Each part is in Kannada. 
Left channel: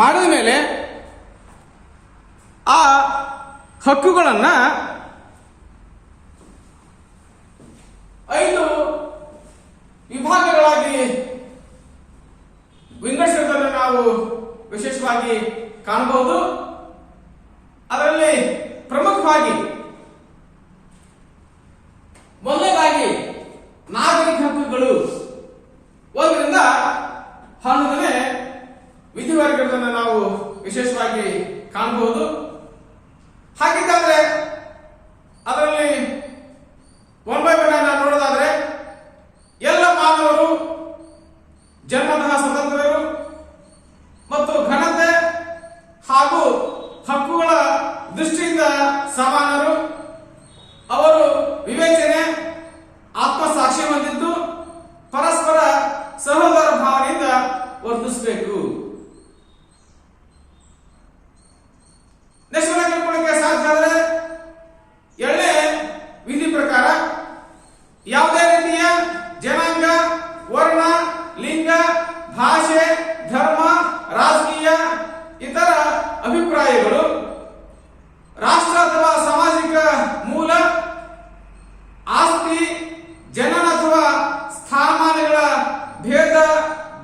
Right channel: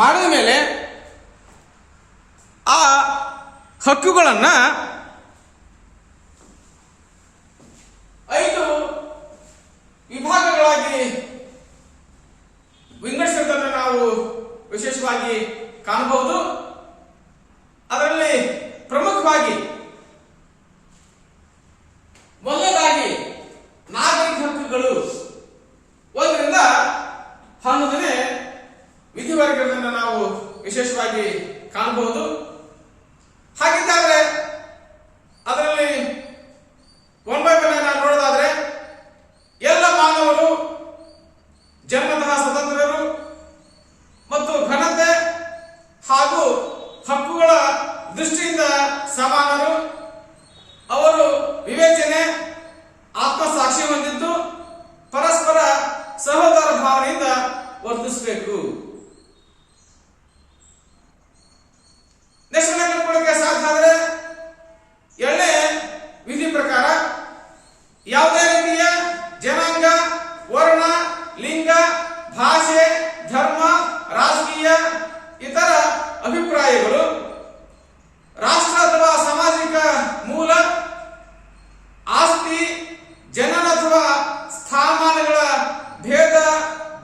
ಮಾಡಿದ ಮೇಲೆ ಆ ಹಕ್ಕುಗಳನ್ನು 5 ವಿಭಾಗಗಳಾಗಿ ವಿಂಗಡಿಸಿರುವುದನ್ನು ನಾವು ವಿಶೇಷವಾಗಿ ಕಾಣಬಹುದು. ಅದರಲ್ಲಿ ಪ್ರಮುಖವಾಗಿ ಮೊದಲನೇದಾಗಿ ನಾಗರಿಕ ಹಕ್ಕುಗಳು 1ರಿಂದ 11ನೇ ವಿಧಿವರ್ಗಗಳನ್ನು ನಾವು ವಿಶೇಷವಾಗಿ ಕಾಣಬಹುದು. ಹಾಗಿದ್ದಾದ್ರೆ ಅದರಲ್ಲಿ 1 by 1 ನಾವು ನೋಡೋದಾದ್ರೆ ಎಲ್ಲ ಮಾನವರು ಜನ್ಮತಃ ಸ್ವತಂತ್ರರು ಮತ್ತು ಘನತೆ ಹಾಗೂ ಹಕ್ಕುಗಳ ದೃಷ್ಟಿಯಿಂದ ಸಮಾನರು. ಅವರು ವಿವೇಚನೆ ಆತ್ಮಸಾಕ್ಷಿ ಹೊಂದಿದ್ದು ಪರಸ್ಪರ ಸಹೋದರ ಭಾವನೆಯಿಂದ ವರ್ತಿಸಬೇಕು. ನೆಕ್ಸ್ಟ್ ಕಲ್ಕೊಳ್ಳಿಕ್ಕೆ ಸಾಧ್ಯ ಆದರೆ 7ನೇ ವಿಧಿ ಪ್ರಕಾರ ಯಾವುದೇ ರೀತಿಯ ಜನಾಂಗ, ವರ್ಣ, ಲಿಂಗ, ಭಾಷೆ, ಧರ್ಮ, ರಾಜಕೀಯ ಇತರ ಅಭಿಪ್ರಾಯಗಳು, ರಾಷ್ಟ್ರ ಅಥವಾ ಸಾಮಾಜಿಕ ಮೂಲ, ಆಸ್ತಿ, ಜನನ ಅಥವಾ ಸ್ಥಾನಮಾನಗಳ ಭೇದ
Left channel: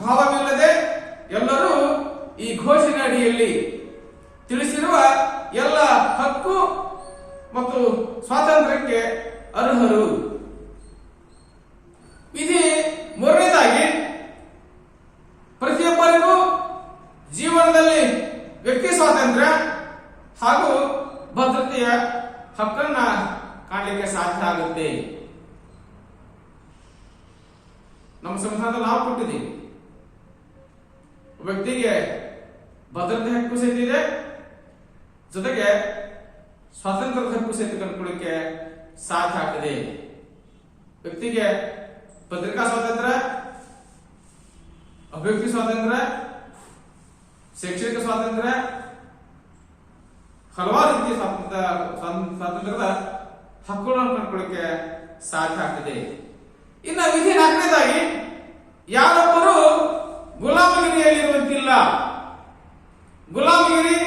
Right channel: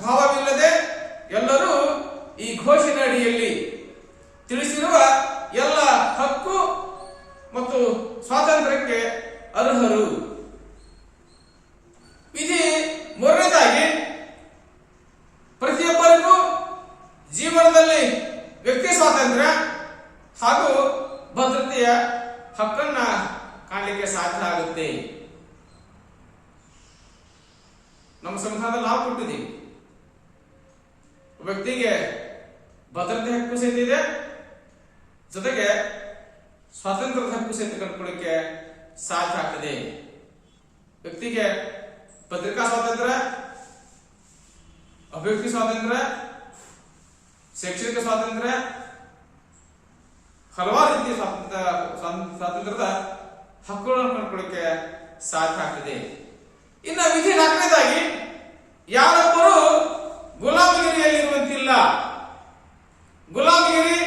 ಭಾವವಿಲ್ಲದೆ ಎಲ್ಲರೂ ಈ ಘೋಷಣೆ ಅಡಿಯಲ್ಲಿ ತಿಳಿಸಿರುವ ಎಲ್ಲ ಹಕ್ಕು ಮತ್ತು ಸ್ವಾತಂತ್ರ್ಯಕ್ಕೆ ಅರ್ಹರು. ವಿಧಿ 3ನೇದಾಗಿ ಪ್ರತಿಯೊಬ್ಬರಿಗೂ ಜೀವನದಲ್ಲಿ ವ್ಯಕ್ತಿ ಸ್ವಾತಂತ್ರ್ಯ ಹಾಗೂ ಭದ್ರತೆಯ ಹಕ್ಕನ್ನ ಕಾಣಲಿಕ್ಕೆ ಸಾಧ್ಯ ಆಗುತ್ತೆ. ನಮ್ಮ ಸಂವಿಧಾನದಲ್ಲಿ ನಾವು ಕೊಟ್ಟಿದ್ದೀವಿ. ವ್ಯಕ್ತಿಗೆ ಭದ್ರತೆ ಹಕ್ಕು ಸಹಿತ ಇದೆ, ಜೊತೆಗೆ ಸ್ವಾತಂತ್ರ್ಯದ ಹಕ್ಕು ಸಹಿತ ಕಂಡುಕೊಳ್ಳಿಕ್ಕೆ ಸಾಧ್ಯ ಆಗ್ತದೆ. ವ್ಯಕ್ತಿಗೆ ಪತ್ರಿಕಾ ಸ್ವಾತಂತ್ರ್ಯ, ಅಭಿವ್ಯಕ್ತಿ ಸ್ವಾತಂತ್ರ್ಯ, ಶೈಕ್ಷಣಿಕ ಸ್ವಾತಂತ್ರ್ಯ, ಹಲವಾರು ರೀತಿಯ ಸ್ವಾತಂತ್ರ್ಯದ ಹಕ್ಕುಗಳನ್ನು ಕಂಡುಕೊಳ್ಳಿಕ್ಕೆ ಸಾಧ್ಯ ಆಗ್ತದೆ. ಇನ್ನು ವಿಧಿ 4ನೇದಾಗಿ ಯಾರೊಬ್ಬರು ಗುಲಾಮಗಿರಿಯಲ್ಲಿರುವಂತಿಲ್ಲ. ಗುಲಾಮಗಿರಿ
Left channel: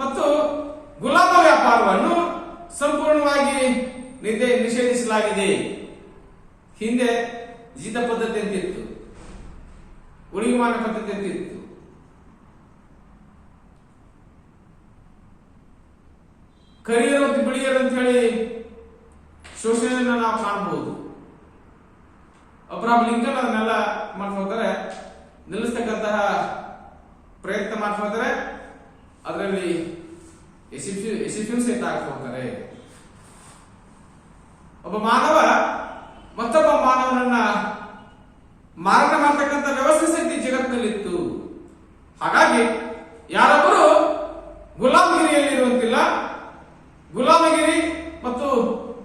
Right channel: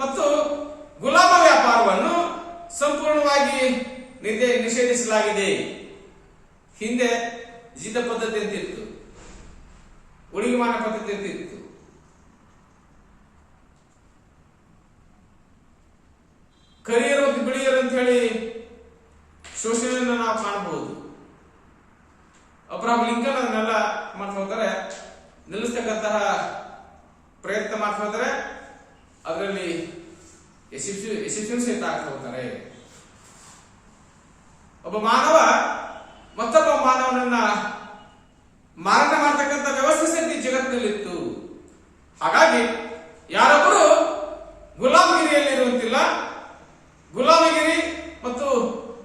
ಮತ್ತು ಗುಲಾಮ ವ್ಯಾಪಾರವನ್ನು ಸಂಪೂರ್ಣವಾಗಿ ನಿಷೇಧಿಸಲಾಗಿದೆ. ಹಿಂದೆ ಜೀತ ಪದ್ಧತಿ ಅಂತ ಇತ್ತು, ಉಳಿಮಾನ ಪದ್ಧತಿ ಅಂತ ಇತ್ತು. ಕರಿಯರು ಮತ್ತು ಬಿಳಿಯರು ಅಂತ ಹೇಳಿ ಶೋಷಣೆಯನ್ನು ನಾವು ಕಾಣಬಹುದು. ಅಬ್ರಹಾಂ ಲಿಂಕನ್ ಅದನ್ನೆಲ್ಲ ಮಾಡ್ತಾ ಹೋದರೆ, ನಿಲ್ಲಿಸ್ತಕ್ಕಂತಹ ಪ್ರಯತ್ನ ಮಾಡ್ತಾ ಹೋದರೆ ಅದರಲ್ಲಿ ಯಶಸ್ವಿ ಸಹಿತ ಆಗ್ತಾ ಹೋಗ್ತಾರೆ. ಒಬ್ಬ ಮಾನವ ಮತ್ತೊಬ್ಬ ಮಾನವನನ್ನ ಮಾರಾಟ ಮಾಡ್ತಕ್ಕಂಥ ವ್ಯವಸ್ಥೆ ಸಹಿತ ಜಗತ್ತಿನಲ್ಲಿತ್ತು. ಹಾಗಾಗಿ ಯಾರೊಬ್ಬರು ಗುಲಾಮಗಿರಿಯಲ್ಲಿರುವಂತಿಲ್ಲ. ಗುಲಾಮಗಿರಿ ಮತ್ತು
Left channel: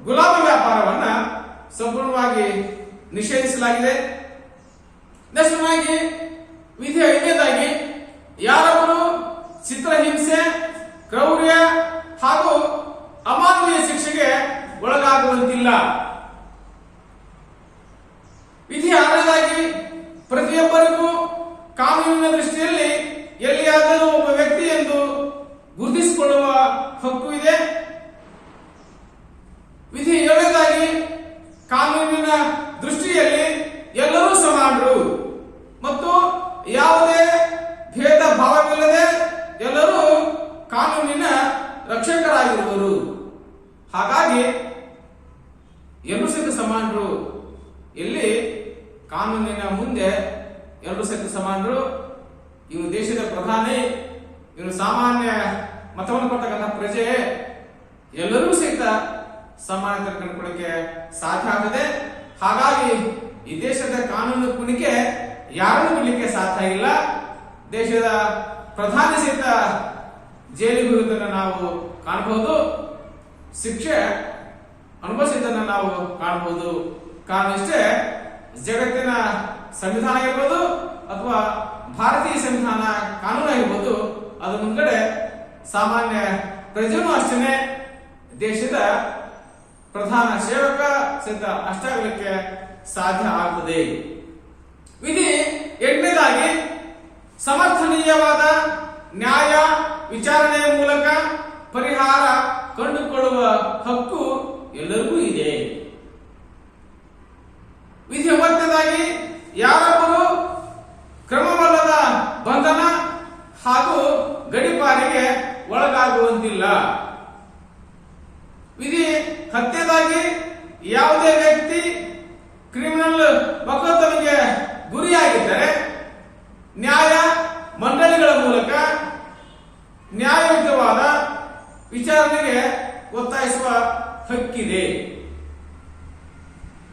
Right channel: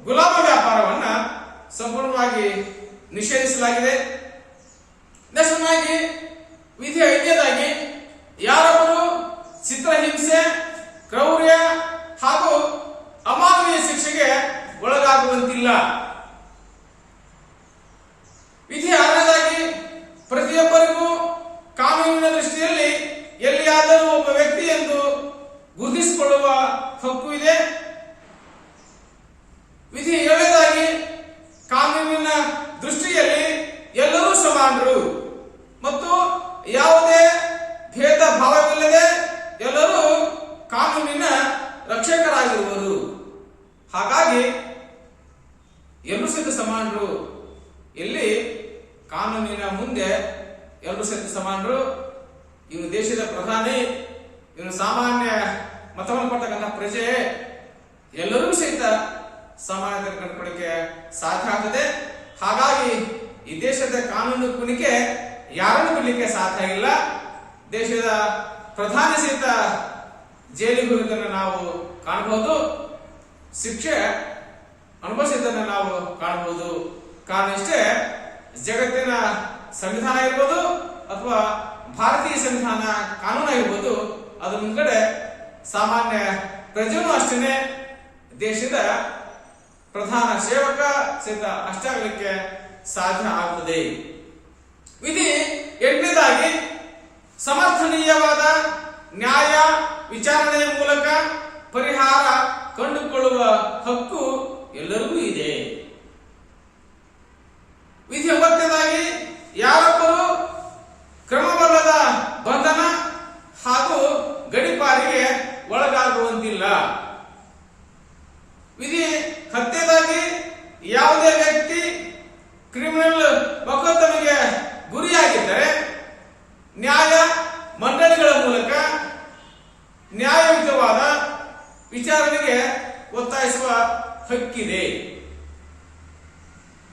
ಗುಲಾಮ ವ್ಯಾಪಾರವನ್ನ ಸಂಪೂರ್ಣವಾಗಿ ನಿಷೇಧಿಸಲಾಗಿದೆ. ನೆಕ್ಸ್ಟ್ ವಿಧಿ 5ನೇದಾಗಿ ಯಾರೊಬ್ಬರು ಚಿತ್ರಹಿಂಸೆ, ಕ್ರೌರ್ಯ ಹಾಗೂ ಅಮಾನವೀಯ ಶಿಕ್ಷೆಗೆ ಒಳಗಾಗುವಂತಿಲ್ಲ. ವಿಧಿ 6ನೇದಾಗಿ ಪ್ರತಿಯೊಬ್ಬರಿಗೂ ಕಾನೂನಿನ ದೃಷ್ಟಿಯಲ್ಲಿ ಎಲ್ಲಿಯಾದರೂ ಒಬ್ಬ ವ್ಯಕ್ತಿ ಎಂದು ಗುರುತಿಸಿಕೊಳ್ಳುವ ಹಕ್ಕು ಇದೆ. ವಿಧಿ 7ನೇದಾಗಿ ಕಾನೂನಿನ ದೃಷ್ಟಿಯಲ್ಲಿ ಎಲ್ಲರೂ ಸಮಾನರು ಮತ್ತು ಯಾವುದೇ ಭೇದ ಭಾವವಿಲ್ಲದೆ ಎಲ್ಲರೂ ಕಾನೂನಿನ ರಕ್ಷಕರಾಗಿರುವರು. ಹಾಗಾಗಿ ಎಲ್ಲರೂ ಸಹಿತ ಸಮಾನರು. ಇಲ್ಲಿ ಕಾನೂನಿನ ಮುಂದೆ ಎಲ್ಲರೂ ಸಹಿತ ಸಮಾನರು. ಇವನು ದೇಶದ ಪ್ರಧಾನಿ, ಇವನು ಸಾಮಾನ್ಯ ಮತವನ್ನು ಕೊಟ್ಟಕ್ಕಂಥ ಪ್ರಜೆ, ಎಲ್ಲರೂ ಸಹಿತ ಸಮಾನತೆ ಕಂಡುಕೊಳ್ಳಿಕ್ಕೆ ಸಾಧ್ಯ ಆಗ್ತದೆ. ಹಾಗಾಗಿ ಈ ದೇಶದ ಕಾನೂನು ಕುಣಿಕೆ ಯಾರನ್ನು ಬಿಡಲಿಕ್ಕೆ ಸಾಧ್ಯ ಇಲ್ಲ. ದೇಶದ ಪ್ರಧಾನಿ ಸಹಿತ ಜೈಲಿಗೆ ಹೋಗುವುದನ್ನು ನಾವು ಕಾಣಬಹುದು, ಶಿಕ್ಷೆ ಅನುಭವಿಸಿದ್ದನ್ನು ನಾವು ಕಾಣಬಹುದು. ಕಾರಣ ಇಷ್ಟೇ, ಜಗತ್ತಿನ ಸಂವಿಧಾನ ಇರ್ಬೋದು ಅಥವಾ ಭಾರತೀಯ ಸಂವಿಧಾನ ಕಾನೂನು ಆಗಿರ್ಬೋದು, ಅದ್ರ ಮುಂದ್ಗಡೆ ಸಾಮಾನ್ಯ ಪ್ರಜೆನೂ ಅಷ್ಟೇ ದೇಶದ ಪ್ರಧಾನ ಸೇವಕ ಸಹಿತ ಅಷ್ಟಾಗಲಿಕ್ಕೆ ಸಾಧ್ಯ ಆಗುತ್ತದೆ. ವಿಧಿ 8ನೇದಾಗಿ ಸಮರ್ಥನೀಯವಾದ ನ್ಯಾಯ ವಿಚಾರಣೆಯ ಮೂಲಕ ಪರಿಹಾರ ಕಂಡುಕೊಳ್ಳುವ ಹಕ್ಕು ಎಲ್ಲರಿಗೂ ಇದೆ. ವಿಧಿ 9ನೇದಾಗಿ ಯಾರೊಬ್ಬರು ಕ್ರಮವಲ್ಲದ ಬಂಧನ ಹಾಗೂ ಗಡೀಪಾರಿಗೆ ಒಳಗಾಗುವಂತಿಲ್ಲ. ವಿಧಿ 10ನೇದಾಗಿ ಯಾವುದೇ ವ್ಯಕ್ತಿ ಕ್ರಿಮಿನಲ್ ಮೊಕದ್ದಮೆಗೆ ಗುರಿಯಾಗಿದ್ದರೆ ನ್ಯಾಯ ಮಂಡಳಿಗಳ ಮೂಲಕ ನ್ಯಾಯಯುತವಾದ ವಿಚಾರಣೆಗೆ ಒತ್ತಾಯಿಸುವ ಹಕ್ಕಿದೆ.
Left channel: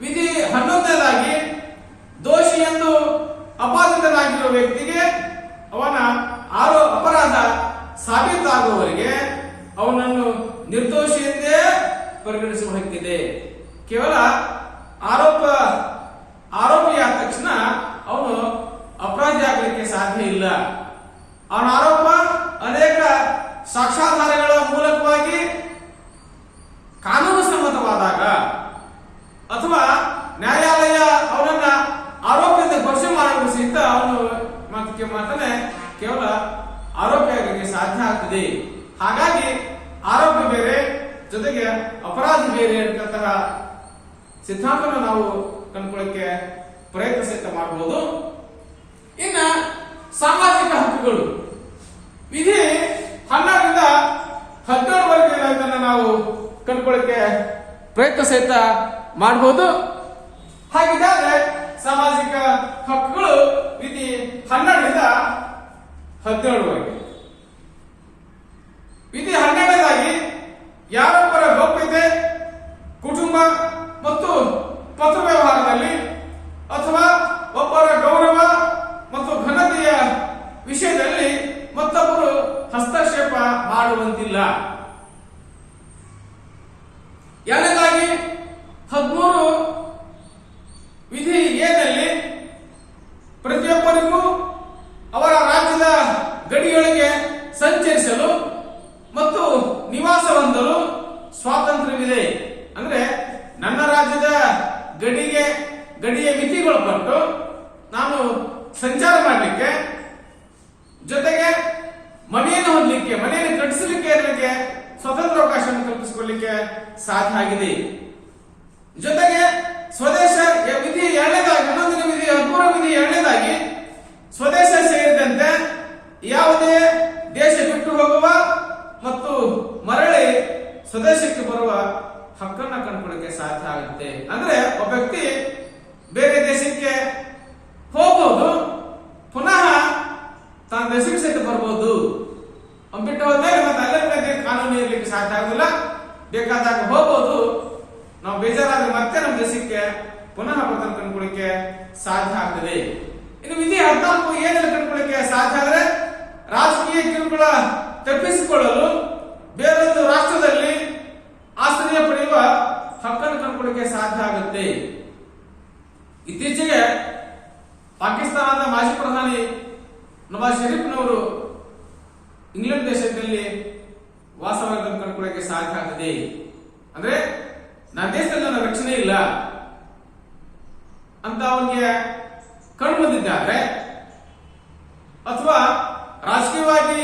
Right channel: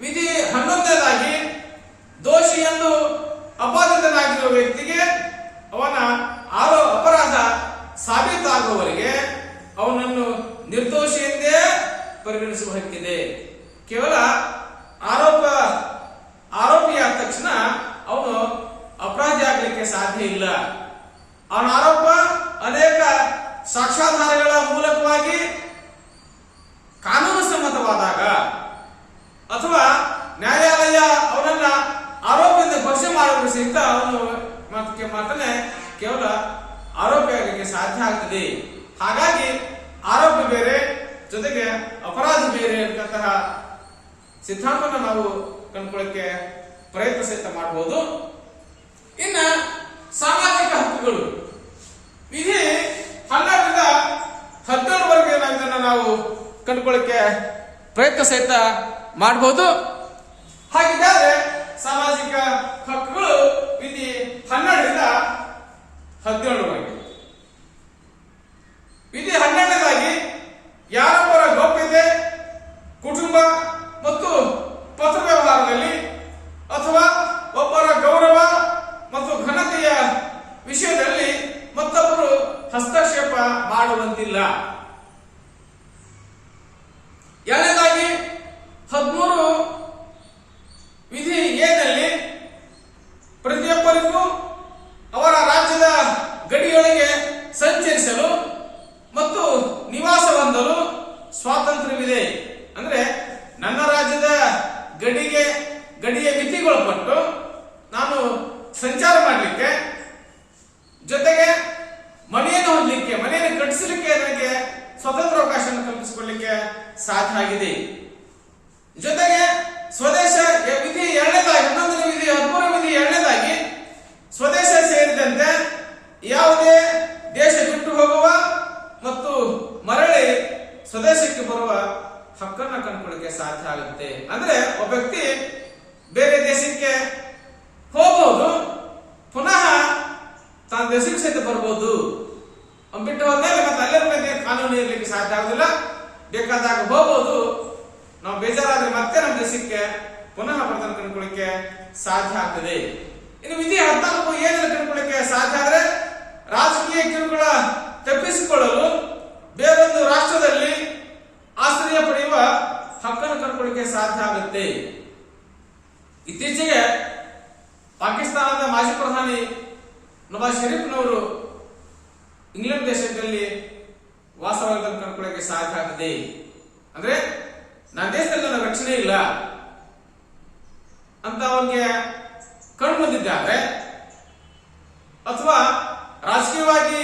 ವಿಧಿ 11ನೇದಾಗಿ ದೋಷಿ ಎಂದು ಅಪಾದಿತನಾಗಿರುವ ವ್ಯಕ್ತಿಗೆ ಅವನ ಅಪರಾಧ ಸಾಬೀತಾಗುವವರೆಗೆ ಅವನನ್ನು ನಿರ್ದೋಷಿ ಎಂದೇ ಪರಿಗಣಿಸುವ ಹಕ್ಕಿದೆ. ಕೇವಲ ಆರೋಪಿಯಾದ ತಕ್ಷಣ ಅವನು ಅಪರಾಧಿ ಆಗಲಿಕ್ಕೆ ಸಾಧ್ಯ ಇಲ್ಲ. ಅವನ ಆರೋಪ ಅನೇಕ ಸಾಕ್ಷ್ಯಾಧಾರಗಳ ಮೂಲಕವಾಗಿ ಕಾನೂನು ಸಮ್ಮತವಾದಾಗ ಅಥವಾ ನ್ಯಾಯಾಲಯ ಅವನನ್ನ ಆರೋಪದಿಂದ ಘೋಷಣೆ ಮಾಡಲು ಸಹಿತ ಅವನು ಮಾತನೆ ಕೇವಲ ಆರೋಪಿ ಆಗಲಿಕ್ಕೆ ಸಾಧ್ಯ ಆಗ್ತದೆ. ಹಾಗಾಗಿ ಆರೋಪಿ ಬೇರೆ ಜೊತೆಗೆ ಅಪರಾಧಿ ಬೇರೆ ಅಂತಂತಹ ಸಿದ್ಧಾಂತವನ್ನು ನಾವು ಕಂಡುಕೊಳ್ಳಕ್ಕೆ ಪ್ರಯತ್ನ ಸಹಿತ ಮಾಡಬಹುದು. ಇನ್ನ ಸಾಮಾಜಿಕ ಹಕ್ಕುಗಳು ವಿಧಿ 12ರಿಂದ 17ವರೆಗೆ ನಾವು ಕಂಡುಕೊಳ್ಳಕ್ಕೆ ಪ್ರಯತ್ನ ಸಹಿತ ಮಾಡಬಹುದು. ಹಾಗಿದ್ದರೆ ಸಾಮಾಜಿಕ ಹಕ್ಕುಗಳು ವಿಧಿ 12ರಿಂದ 17ವರೆಗೆ. ವಿಧಿ 12ನೇದಾಗಿ ಯಾರೊಬ್ಬರ ಗೌಪ್ಯತೆ, ಕುಟುಂಬ ಮತ್ತು ಪತ್ರ ವ್ಯವಹಾರದಲ್ಲಿ ಅಥವಾ ಒಬ್ಬರ ಗೌರವ ಮತ್ತು ಘನತೆಯ ವಿಷಯದಲ್ಲಿ ಮತ್ತೊಬ್ಬರು ಹಸ್ತಕ್ಷೇಪ ಮಾಡುವಂತಿಲ್ಲ. 2ನೇದಾಗಿ 13 ವಿಧಿ ಎನಲ್ಲಿ ಪ್ರತಿಯೊಬ್ಬರಿಗೂ ಅವರ ರಾಜ್ಯದ ಗಡಿಯೊಳಗೆ ಸಂಚರಿಸಲು ಮತ್ತು ನಿವಾಸ ಹೊಂದಲು ಸ್ವಾತಂತ್ರ್ಯವಿದೆ. ಅಂದ್ರೆ ನನ್ನ ರಾಜ್ಯದ ಗಡಿಗೆ ಮಿತಿಗೊಳಪಟ್ಟು ನಾನು ಸಂಚಾರ ಮಾಡಲಿಕ್ಕೆ, ಜೊತೆಗೆ ಮನೆಯನ್ನು ಹೊಂದಲಿಕ್ಕೆ, ಮನೆಯನ್ನು ಕಟ್ಟಿಸಲಿಕ್ಕೆ ನನಗೆ ಸ್ವತಂತ್ರ ಅವಕಾಶವನ್ನು ಕಲ್ಪಿಸಿಕೊಳ್ಳಲಿಕ್ಕೆ ಸಾಧ್ಯ ಆಗಿದೆ. ಜೊತೆಗೆ ಸ್ವದೇಶ ವಿಧಿ 2ನೇದಾಗಿ 11ನೇ ವಿಧಿ 13ನೇ ವಿಧಿ 2ನೇದಾಗಿ ಸ್ವದೇಶ ಸೇರಿದಂತೆ ಯಾವುದೇ ದೇಶ ಬಿಟ್ಟು ಹೋಗುವ ಮತ್ತು ಮರಳಿ ಸ್ವದೇಶಕ್ಕೆ ಬರುವ ಹಕ್ಕನ್ನ ಕಂಡುಕೊಳ್ಳಕ್ಕೆ ಸಾಧ್ಯ ಆಗುತ್ತೆ. ಅಂದ್ರೆ ಒಬ್ಬ ವ್ಯಕ್ತಿ ಬೇರೆ ದೇಶಕ್ಕೆ ಹೋಗಬಹುದು, ಪುನಃ ತನ್ನ ದೇಶಕ್ಕೆ ಸಹಿತ ಬರ್ಬೋದು. ಬಿಟ್ಟು ಹೋದ್ಮೇಲೆ ಮತ್ತೆ ಅಲ್ಲೇ ಕಾನೂನು ಇರಲಿಕ್ಕೆ ಸಾಧ್ಯ ಆಗುದಿಲ್ಲ. ಬೇಕಾದಾಗ ಹೋಗಬಹುದು, ನಾವು ಬೇಜಾರಾದ್ರೆ ಮತ್ತೆ ನಮ್ಮ ದೇಶಕ್ಕೆ ಪುನಃ ಬರ್ತನೆ ಕಂಡುಕೊಳ್ಳಿಕ್ಕೆ ಸಾಧ್ಯ ಆಗ್ತದೆ. ಇನ್ನು ವಿಧಿ 14 ಏನೆಲ್ಲ ಕಂಡುಕೊಳ್ಳಿಕ್ಕೆ ಸಾಧ್ಯ ಆದ್ರೆ ರಾಜಕೀಯ ಕಿರುಕುಳ ತಪ್ಪಿಸಿಕೊಳ್ಳಲು ಬೇರೊಂದು ರಾಷ್ಟ್ರದಲ್ಲಿ ಆಶ್ರಯ ಪಡೆಯುವ ಹಕ್ಕನ್ನು ಕಂಡುಕೊಳ್ಳಿಕ್ಕೆ ಸಾಧ್ಯ ಆಗುತ್ತೆ. ಇತ್ತೀಚೆಗೆ ಪಾಕಿಸ್ತಾನದ ಮಾಜಿ ಪ್ರಧಾನಿ ನವಾಜ್ ಶರೀಫ್ನವರು ಇಂಗ್ಲೆಂಡ್ ದೇಶದಲ್ಲಿ ವಾಸವಾಗಿದ್ದನ್ನು ಕಂಡುಕೊಳ್ಳಿಕ್ಕೆ ಸಾಧ್ಯ ಆಗ್ತದೆ. ಅಂದ್ರೆ ನನ್ನ ದೇಶದಲ್ಲಿ ನನ್ನ ರಕ್ಷಣೆ ಇಲ್ಲ ಅಂತ ಅವನಿಗೆ ಕಂಡು ಬಂದಿದ್ದಾದ್ರೆ, ಅಥವಾ ರಾಜಕೀಯವಾಗಿ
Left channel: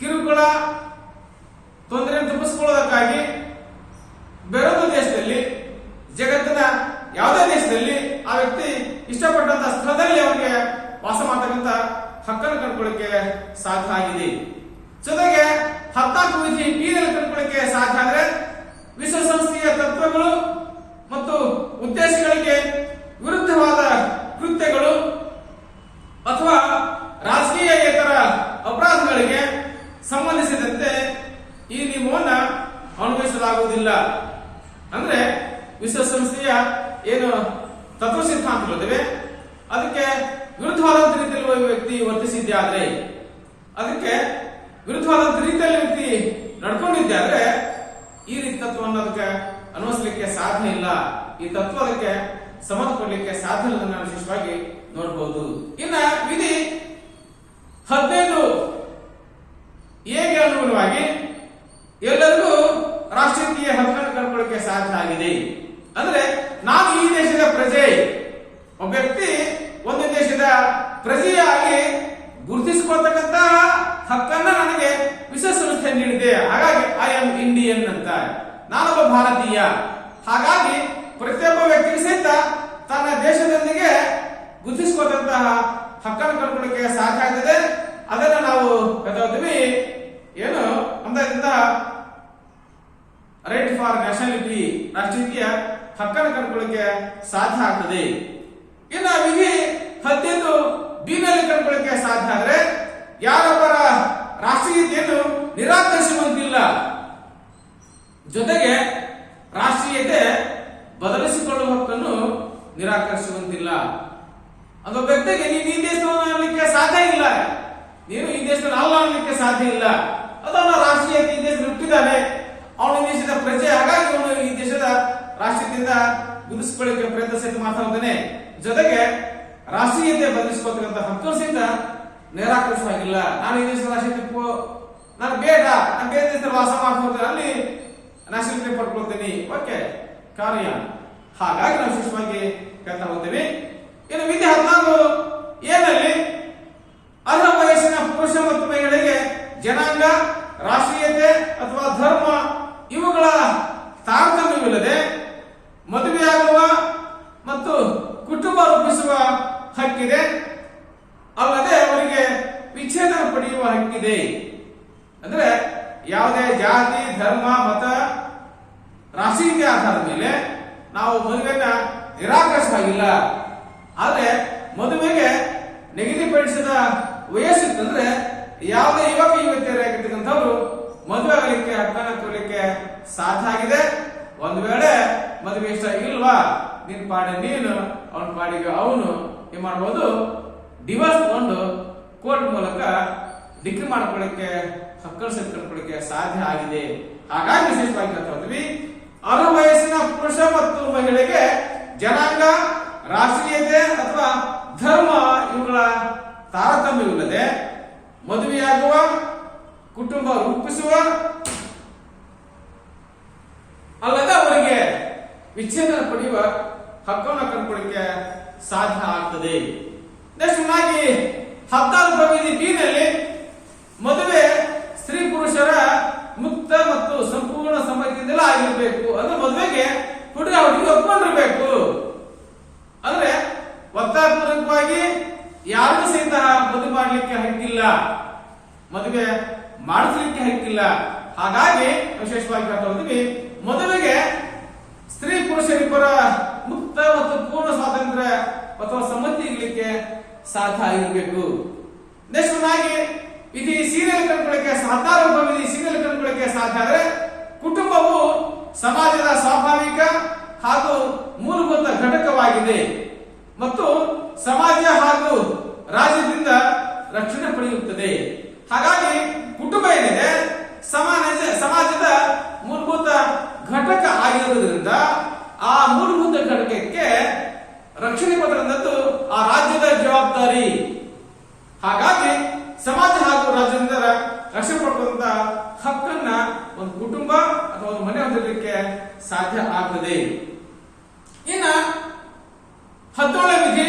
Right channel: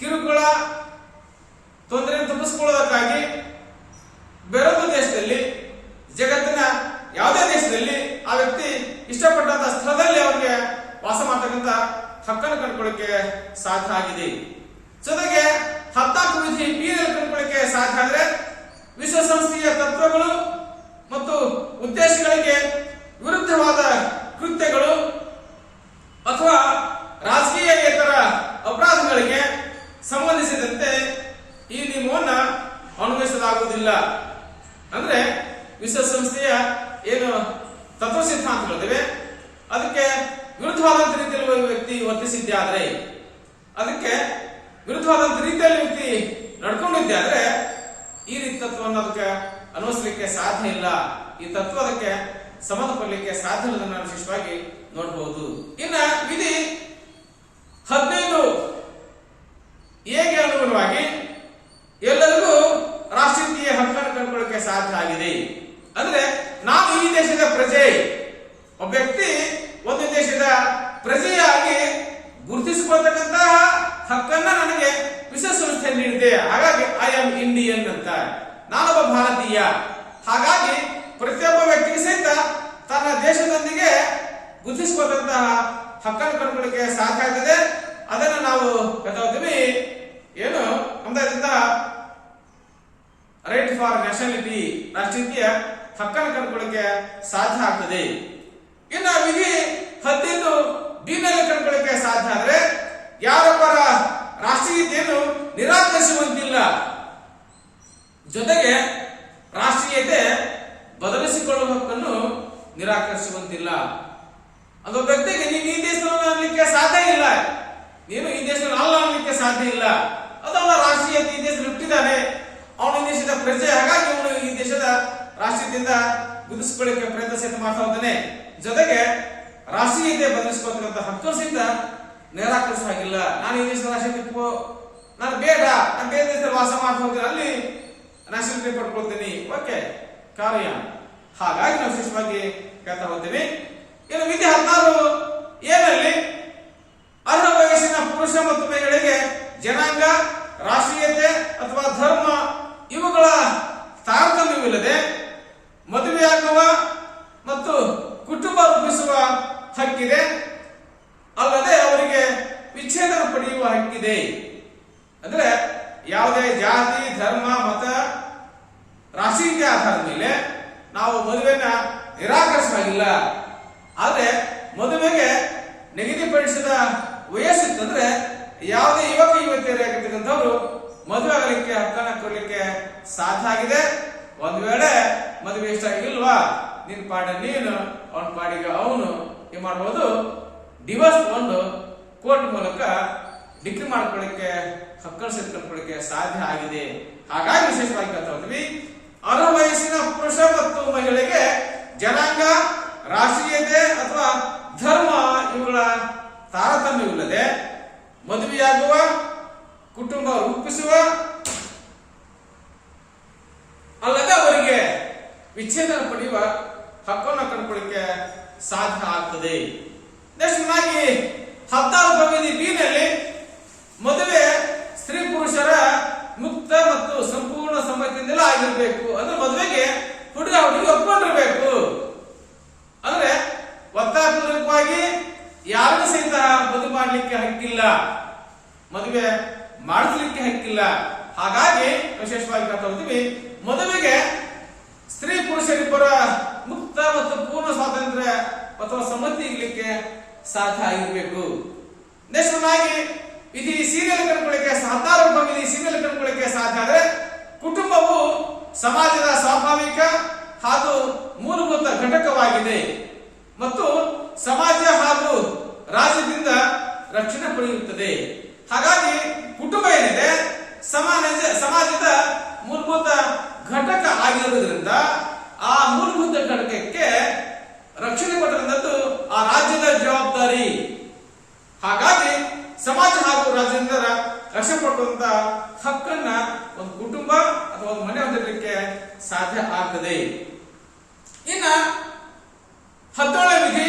ಕಿರುಕುಳ ತೊಂದರೆಯನ್ನು ತಪ್ಪಿಸಿಕೊಳ್ಳೋದಕ್ಕಾಗಿ ಬೇರೊಂದು ದೇಶದಲ್ಲಿ, ಜಗತ್ತಿನ ಯಾವುದೇ ದೇಶದಲ್ಲಿ ಆ ವ್ಯಕ್ತಿ ಇಷ್ಟಪಟ್ಟಂತ ಸ್ಥಳದಲ್ಲಿ ಅವರಿಗೆ ವಾಸ ಮಾಡತಕ್ಕಂತ ಹಕ್ಕನ್ನು ಕಂಡುಕೊಳ್ಳಿಕ್ಕೆ ಸಾಧ್ಯ ಆಗಿದೆ. ಜೊತೆಗೆ 14 ವಿಧಿ ಬೀನಲ್ಲಿ ಕಂಡುಕೊಳ್ಳಿಕ್ಕೆ ಸಾಧ್ಯ ಅಂದ್ರೆ ವಿಶ್ವಸಂಸ್ಥೆಯ ತತ್ವಗಳು ಮತ್ತು ಉದ್ದೇಶಗಳಿಗೆ ವಿರುದ್ಧವಾದ ಕೃತ್ಯಗಳು ಅಥವಾ ರಾಜಕೀಯೇತರ ಅಪರಾಧಗಳಿಗೆ ಸಂಬಂಧಿಸಿದಂತೆ ಈ ನಿಯಮವನ್ನು ಅನ್ವಯಿಸಲಾಗುವುದಿಲ್ಲ. ಅಂದ್ರೆ ವಿಶ್ವಸಂಸ್ಥೆಯ ಏನು ತತ್ವ ಸಿದ್ಧಾಂತಗಳಿವೆ ಅದಕ್ಕೆ ವಿರುದ್ಧವಾದಂತ ರೀತಿಯಲ್ಲಿ ವ್ಯಕ್ತಿ ವರ್ತಿಸಿದ್ದೆ ಆದ್ರೆ, ಅದಕ್ಕೆ ವಿರುದ್ಧವಾದಂತ ರೀತಿಯಲ್ಲಿ ವ್ಯಕ್ತಿ ನಡ್ಕೊಂಡಿದ್ದೆ ಆದ್ರೆ ಈ ರೀತಿ ತತ್ವವನ್ನು ಅದಕ್ಕೆ ಅನ್ವಯಿಸಲಿಕ್ಕೆ ಸಾಧ್ಯ ಇಲ್ಲ. ಈ ತತ್ವ ಅದಕ್ಕೆ ಸಂಬಂಧಪಡಲಿಕ್ಕೆ ಸಾಧ್ಯ ಇಲ್ಲ ನಾನು ವಿಶೇಷವಾಗಿ ನೋಡಬಹುದು. ಇನ್ನ ವಿಧಿ 15 ಹೇಗೆ ಅನುಗುಣವಾಗಿ ಎಲ್ಲರಿಗೂ ರಾಷ್ಟ್ರೀಯ ಹಕ್ಕನ್ನು ಕಂಡುಕೊಳ್ಳಿಕ್ಕೆ ಸಾಧ್ಯ ಆಗಿದೆ. ಅಂದ್ರೆ ನಾನು ಈ ದೇಶದ ಪ್ರಜೆ, ಒಬ್ಬ ವ್ಯಕ್ತಿ ಒಂದು ದೇಶದ ಪ್ರಜೆಯಾಗಿ ಗುರುತಿಸಿಕೊಳ್ತಕ್ಕಂತಹ ಹಕ್ಕನ್ನ ನನಗೆ ವಿಶ್ವಸಂಸ್ಥೆ ನೀಡಿದೆ. ಹಾಗಾಗಿ ಐ ಆಮ್ ಇಂಡಿಯನ್ ಅಂತ, ನಾನೊಬ್ಬ ಭಾರತೀಯ. ಹಾಗಾಗಿ ಪ್ರತಿಯೊಬ್ಬ ವ್ಯಕ್ತಿಗೆ ಸಹಿತ ತನ್ನ ದೇಶದೊಂದಿಗೆ ಗುರುತಿಸಿಕೊಂಡಂತಹ ಹಕ್ಕನ್ನು ಕಂಡುಕೊಳ್ಳಕ್ಕೆ ಸಾಧ್ಯ ಆಗ್ತದೆ. ಅದನ್ನು ನಾವು ಹೇಳ್ತೀವಿ ಏನು ನಮ್ದಿಂದ ರೈಟ್ ಫಾರ್ ನ್ಯಾಷನಾಲಿಟಿ, ರಾಷ್ಟ್ರೀಯ ಹಕ್ಕನ್ನು ಕಂಡುಕೊಳ್ಳಕ್ಕೆ ಸಾಧ್ಯ ಆಗ್ತದೆ. ಇನ್ನು ವಿಧಿ 15 ಬಿ ನಲ್ಲಿ ಕಂಡುಕೊಳ್ಳಕ್ಕೆ ಸಾಧ್ಯ ಆದ್ರೆ ಯಾರೊಬ್ಬರ ರಾಷ್ಟ್ರೀಯತೆಯನ್ನು ನಿರಾಕರಿಸುವಂತಿಲ್ಲ, ಜೊತೆಗೆ ರಾಷ್ಟ್ರೀಯತೆ ಬದಲಿಸಿಕೊಳ್ಳುವ ಹಕ್ಕನ್ನು ನಿರಾಕರಿಸುವಂತಿಲ್ಲ. ಅದೊಬ್ಬ ವ್ಯಕ್ತಿಗೆ ನೀನು ಈ ದೇಶವನ್ನು ಅನ್ನಲಿಕ್ಕೆ ಸಾಧ್ಯ ಇಲ್ಲ, ನೀನು ಈ ದೇಶದಲ್ಲಿ ಅಲ್ಲ ಅನ್ನಲಿಕ್ಕೆ ಸಾಧ್ಯ ಇಲ್ಲ. ಅದನ್ನ ರಾಷ್ಟ್ರೀಯತೆ ಈ ದೇಶದಲ್ಲಿ ಹುಟ್ಟಿದ್ದಾನೆ, ಅವನು ಈ ದೇಶದ ಪ್ರಜೆ, ಹಾಗಾಗಿ ಅವನು ಈ ದೇಶದ ರಾಷ್ಟ್ರೀಯತೆಯಿಂದ ಗುರುತಿಸಿಕೊಳ್ಳಕ್ಕೆ ಪ್ರಯತ್ನ ಸಹಿತ ಮಾಡ್ತಾ ಹೋಗ್ತಾನೆ. ಜೊತೆಗೆ ರಾಷ್ಟ್ರೀಯತೆ ಬದಲಿಸಿಕೊಳ್ತಕ್ಕಂಥ ಹಕ್ಕು ಸಹಿತ ನಿರಾಕರಿಸ ಹಾಗಿಲ್ಲ. ನಾನು ಈ ದೇಶದ ರಾಷ್ಟ್ರೀಯತೆ ನಾನು ಬೇಡ, ನಾನು ಬೇರೆ ದೇಶದಲ್ಲಿ ವಾಸ ಮಾಡ್ತಾ ಹೋಗ್ತೇನೆ, ಅಲ್ಲಿ ನ್ಯಾಷನಾಲಿಟಿ ಪಡ್ಕೊಳ್ತೇನೆ, ಓಕೆ ಕಾರ್ಯ. ಹಾಗಾಗಿ ನಾವು ವಿಶೇಷವಾಗಿ ಹೇಳ್ತಾ ಹೋಗ್ತೇವೆ. ಇನ್ನು ವಿಧಿ 16 ಏನಲ್ಲಿ ಅರ್ಹ ವಯಸ್ಸಿನ ಪುರುಷ ಮತ್ತು ಮಹಿಳೆಗೆ ಜನಾಂಗ, ರಾಷ್ಟ್ರೀಯತೆ ಅಥವಾ ಧರ್ಮ ಇವುಗಳ ತಾರತಮ್ಯವಿಲ್ಲದೆ ಮದುವೆಯಾಗುವ ಮತ್ತು ಕುಟುಂಬ ರೂಪಿಸುವ ಹಕ್ಕಿದೆ, ಅಲ್ಲದೆ ಅವರಿಗೆ ವಿಚ್ಛೇದನ ಪಡೆಯುವ ಹಕ್ಕಿದೆ. ಅಂದ್ರೆ ಯಾವುದೇ ಜಾತಿ, ಧರ್ಮ, ಮತ, ರಾಷ್ಟ್ರೀಯತೆ ಆಧಾರದ ಮೇಲೆ ನಾವು ಮದುವೆಯನ್ನ ನಿರಾಕರಿಸುವಾಗಿಲ್ಲ. ಆದ್ರೆ ಮದುವೆಗೆ ನಿಗದಿಪಡಿಸಿದ ವಯಸ್ಸಿತ್ತಂದ್ರೆ ಯಾವುದೇ ಯುವಕ ಯುವತಿಯರಾಗಿರ್ತಕ್ಕಂಥವ್ರು ಮದುವೆ ಆಗಲಿಕ್ಕೆ ಹಕ್ಕನ್ನು ಕೊಡಲಿಕ್ಕೆ ಸಾಧ್ಯ ಆಗಿದೆ. ಒಂದು ವೇಳೆ ಮದುವೆ ಇಷ್ಟ ಇಲ್ವಾ, ನಿನ್ ಪಾಡಿಗೆ ನೀನು, ಅವನ ಪಾಡಿಗೆ ಅವನು ಏನ್ ಮಾಡಬಹುದು, ಡಿವೋರ್ಸ್ ತಗೊಂಡು ಕೋರ್ಟ್ ಮೂಲಕ ಡಿಗ್ರಿ ಮಾಡ್ಕೊಳ್ಳಿಕ್ಕೆ ಹಕ್ಕನ್ನು ಸೇರ್ಕೊಳ್ಳಿಕ್ಕೆ ಸಾಧ್ಯ ಆಗಿದೆ. ಹಾಗಾಗಿ ವಿಶೇಷವಾಗಿ ಹೇಳ್ತಾ ಹೋದ್ವಿ, ಅರ್ಹ ವಯಸ್ಸಿನ ಪುರುಷ ಮತ್ತು ಮಹಿಳೆಗೆ ಜನಾಂಗ, ರಾಷ್ಟ್ರೀಯತೆ ಅಥವಾ ಧರ್ಮ ಇವುಗಳ ತಾರತಮ್ಯವಿಲ್ಲದೆ ಮದುವೆಯಾಗುವ, ಕುಟುಂಬ ರೂಪಿಸುವ, ಅಲ್ಲದೆ ಅವರಿಗೆ ವಿಚ್ಛೇದನ ಪಡೆಯುವ ಹಕ್ಕನ್ನು ಕಂಡುಕೊಳ್ಳಿಕ್ಕೆ ಸಾಧ್ಯ ಆಗ್ತದೆ. ನೆಕ್ಸ್ಟ್ 16 ವಿಧಿ ಬಿ ನಲ್ಲಿ ಮದುವೆ ಸ್ತ್ರೀ ಪುರುಷರ ಮುಕ್ತ ಮತ್ತು ಸಂಪೂರ್ಣ ಸಮ್ಮತಿಯಿಂದಲೇ ಆಗಿರಬೇಕು. ಅಂದ್ರೆ ಮದುವೆಗೆ ಹುಡುಗ ಹುಡುಗಿ ಒಪ್ಕೊಂಡಿರ್ಬೇಕು. ಅಂದ್ರೆ ಒತ್ತಾಯಪೂರ್ವಕವಾಗಿ ಯಾರಿಗೂ ಸಹಿತ ಮದುವೆ ಮಾಡಲಿಕ್ಕೆ ಹಕ್ಕಿಲ್ಲ, ಮದುವೆ ಮಾಡಿಸ್ಲಿಕ್ಕೆ ಹಕ್ಕಿಲ್ಲ. ಹಾಗಾಗಿ ವಿಶೇಷವಾಗಿ ಹೇಳ್ತಾ ಹೋಗ್ತೀವಿ, ಮದುವೆಗೆ ಸ್ತ್ರೀ ಪುರುಷರಿಬ್ಬರ ಮುಕ್ತ ಮತ್ತು ಪೂರ್ಣ ಸ್ವಾತಂತ್ರ್ಯ ಅಥವಾ ಸಮ್ಮತಿ ಇರಲಿಕ್ಕೆ ಸಾಧ್ಯ ಆಗಿರಬೇಕು. ನೆಕ್ಸ್ಟ್ ವಿಧಿ ಸೀರಿಯಲ್ ಕಂಡುಕೊಳ್ಳಿಕ್ಕೆ 16 ವಿಧಿ ಸೀರಿಯಲ್ ಕಂಡುಕೊಳ್ಳಿಕ್ಕೆ ಸಾಧ್ಯ ಆದ್ರೆ ಕುಟುಂಬವು ಸಮಾಜದ ಸ್ವಾಭಾವಿಕ ಹಾಗೂ ಮೂಲಭೂತ ಘಟಕವಾಗಿದೆ ಮತ್ತು ಸಮಾಜ ಹಾಗೂ ರಾಜ್ಯದಿಂದ ರಕ್ಷಣೆ ಪಡೆಯುತ್ತದೆ. ಹಾಗಾಗಿ ಕುಟುಂಬ ಏನಿದೆ ಸಮಾಜದ ಮೂಲಭೂತ ಘಟಕ ಆಗಿರುವುದರಿಂದ ಆ ಮೂಲಭೂತ ಘಟಕಕ್ಕೆ ರಕ್ಷಣೆ ಕೊಟ್ಟಂತದ್ದು ಆ ರಾಜ್ಯದ ಜವಾಬ್ದಾರಿ. ಹಾಗಾಗಿ ಸಮಾಜ ಹಾಗೂ ರಾಜ್ಯದಿಂದ ರಕ್ಷಣೆ ಪಡೆದಂತ ಹಕ್ಕನ್ನ ಒಂದು ಕುಟುಂಬ ಅಥವಾ ಒಂದು ಮನೆ ಹೊಂದಲಿಕ್ಕೆ ಸಾಧ್ಯ ಆಗ್ತದೆ. ಇನ್ನ 17ನೇ ವಿಧಿ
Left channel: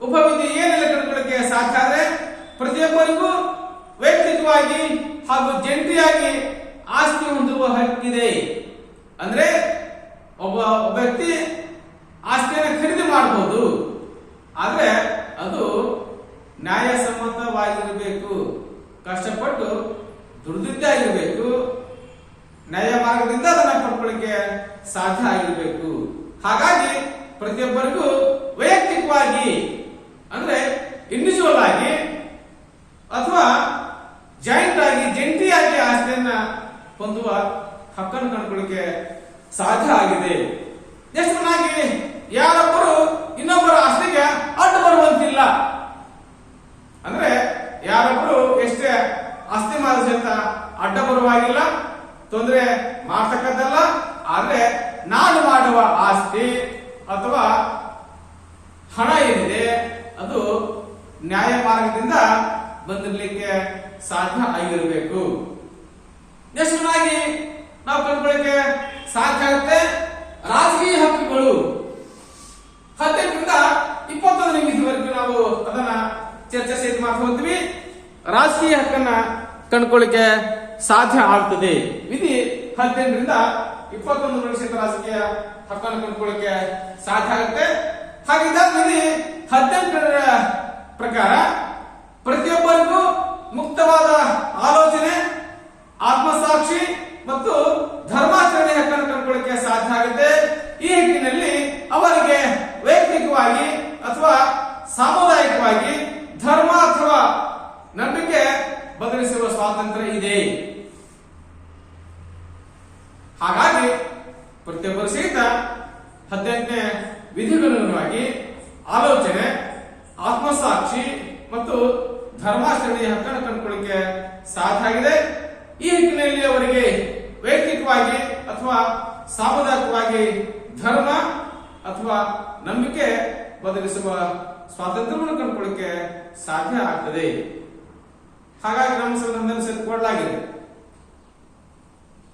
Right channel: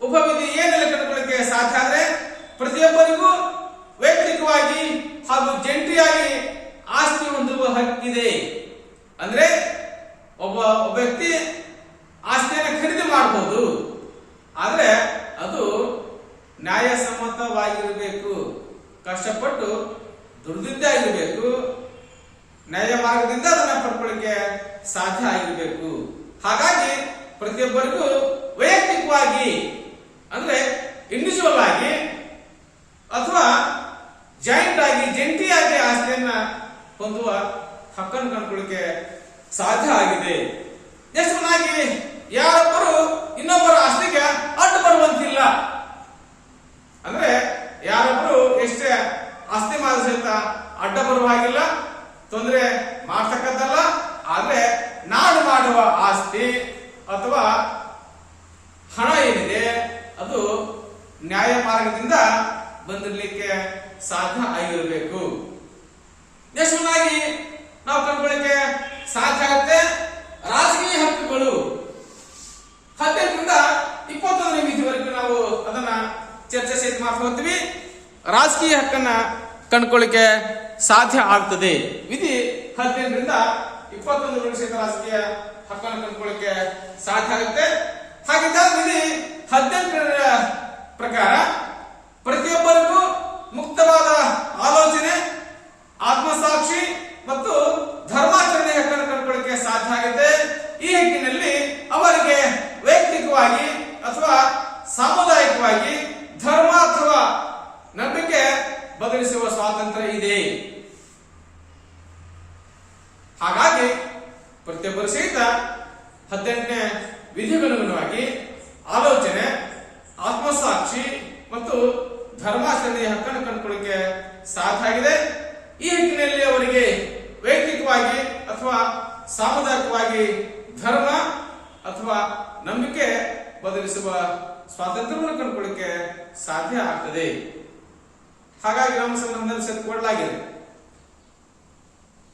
ಉಪವಿಧಿ ಏನೆಲ್ಲ ಕಂಡುಕೊಳ್ಳಿಕ್ಕೆ ಸಾಧ್ಯ ಆದ್ರೆ ಪ್ರತಿಯೊಬ್ಬರಿಗೂ ವೈಯಕ್ತಿಕವಾಗಿ ಹಾಗೂ ಜಂಟಿಯಾಗಿ ಆಸ್ತಿ ಹೊಂದುವ ಹಕ್ಕಿದೆ. ಅಂದ್ರೆ ಒಬ್ಬ ವ್ಯಕ್ತಿ ಆಸ್ತಿಯನ್ನು ಖರೀದಿ ಮಾಡಬಹುದು, ಆದ್ರೆ ಅದು ನ್ಯಾಯಸಮ್ಮತವಾಗಿರಬೇಕು, ಕಷ್ಟಪಟ್ಟು ದುಡಿದಿದ್ದೇ ಆಗಿರಬೇಕು, ನ್ಯಾಯ ಮಾರ್ಗದಿಂದ ಅದನ್ನ ಪಡ್ಕೊಳ್ಳಿಕ್ಕೆ ಸಾಧ್ಯ ಆಗಿರಬೇಕು. ಹಾಗಾಗಿ ಪ್ರತಿಯೊಬ್ಬರಿಗೂ ವೈಯಕ್ತಿಕವಾಗಿ ಅಂದ್ರೆ ಇಂಡಿವಿಜುವಲ್ ಆಗಿ ಅಥವಾ ಜಾಯಿಂಟ್ ಆಗಿ ಜಂಟಿಯಾಗಿ ಆಸ್ತಿಯನ್ನ ಹೊಂದುವ ಹಕ್ಕನ್ನು ಕಂಡುಕೊಳ್ಳಿಕ್ಕೆ ಸಾಧ್ಯ ಆಗಿದೆ. ನೆಕ್ಸ್ಟ್ ಯಾರೊಬ್ಬರು ಇನ್ನೊಬ್ಬರ ಆಸ್ತಿಗೆ ಅಡ್ಡ ಬರುವಂತಿಲ್ಲ. ಅಂದ್ರೆ ಯಾರೊಬ್ಬರು ಎಷ್ಟೇ ಆಸ್ತಿ ಮಾರ ಸಹಿತ ಅಡ್ಡ ಬರುವ ಹಾಗಿಲ್ಲ, ತೊಂದರೆ ಮಾಡ್ತಕ್ಕದ್ದಲ್ಲ. ಆದ್ರೆ ನಾನು ಮಾಡುವ ಆಸ್ತಿ ಅಥವಾ ಹಣ ಏನಿದೆ ಅದು ನ್ಯಾಯ ಮಾರ್ಗದಿಂದ ಬಂದಿರಲಿಕ್ಕೆ ಸಾಧ್ಯ ಆಗಿರಬೇಕು. ನೆಕ್ಸ್ಟ್ ನಾವು ಕಂಡುಕೊಳ್ಳಿಕ್ಕೆ ಸಾಧ್ಯ ಆಗುತ್ತೆ ರಾಜಕೀಯ ಹಕ್ಕುಗಳು. 18ರಿಂದ 21ನೇ ವಿಧಿವರೆಗೂ ನಾವು ಅದನ್ನ ಚರ್ಚೆ ಸಹಿತ ಮಾಡ್ತಾ ಹೋಗ್ತೀವಿ. ಕಂಡುಕೊಳ್ಳಿಕ್ಕೆ ಸಾಧ್ಯ ಆಗ್ತದೆ. ವಿಧಿ 18ರಿಂದ 21 ಮೀಸಲು ರಾಜಕೀಯ ಹಕ್ಕನ್ನು ಕಂಡುಕೊಳ್ಳಿಕ್ಕೆ ಸಾಧ್ಯ ಆಗುತ್ತೆ. ಹಾಗಿದ್ದಾಗ ವಿಧಿ 18ರ ಪ್ರಕಾರ ಪ್ರತಿಯೊಬ್ಬರಿಗೂ ಮುಕ್ತವಾದ ಆಲೋಚನೆ, ಆತ್ಮಸಾಕ್ಷಿ ಮತ್ತು ಧರ್ಮಾಚರಣೆ ಹಕ್ಕನ್ನು ಕಂಡುಕೊಳ್ಳಿಕ್ಕೆ ಸಾಧ್ಯ ಆಗುತ್ತೆ. ಈ ಹಕ್ಕಿನಲ್ಲಿ ಅವರಿಗೆ ವೈಯಕ್ತಿಕವಾಗಿ ಅಥವಾ ಸಾಮುದಾಯಿಕವಾಗಿ ಧರ್ಮ ಅಥವಾ ನಂಬಿಕೆ ಬದಲಿಸುವ ಸ್ವಾತಂತ್ರ್ಯ ಇದೆ. ಹಾಗಾಗಿ ಪ್ರತಿಯೊಬ್ಬರು ಸಹಿತ 18ನೇ ವಿಧಿಗನುಗುಣವಾಗಿ ಆಲೋಚನೆ, ಆತ್ಮಸಾಕ್ಷಿ ಮತ್ತು ಧರ್ಮಾಚರಣೆಯ ಹಕ್ಕನ್ನು ಕಂಡುಕೊಳ್ಳಿಕ್ಕೆ ಸಾಧ್ಯ ಆಗಿದೆ. ಈ ಹಕ್ಕಿನಲ್ಲಿ ಅವರಿಗೆ ವೈಯಕ್ತಿಕವಾಗಿ ಅಥವಾ ಸಾಮುದಾಯಿಕವಾಗಿ ಧರ್ಮ ಅಥವಾ ನಂಬಿಕೆ ಬದಲಿಸುವ ಸ್ವಾತಂತ್ರ್ಯವನ್ನು ಕಂಡುಕೊಳ್ಳಿಕ್ಕೆ ಸಾಧ್ಯ ಆಗ್ತದೆ. ಹಾಗಾಗಿ ನಮ್ಮ ಸಂವಿಧಾನದಲ್ಲಿ ಕೊಡಲಾಗಿದೆ.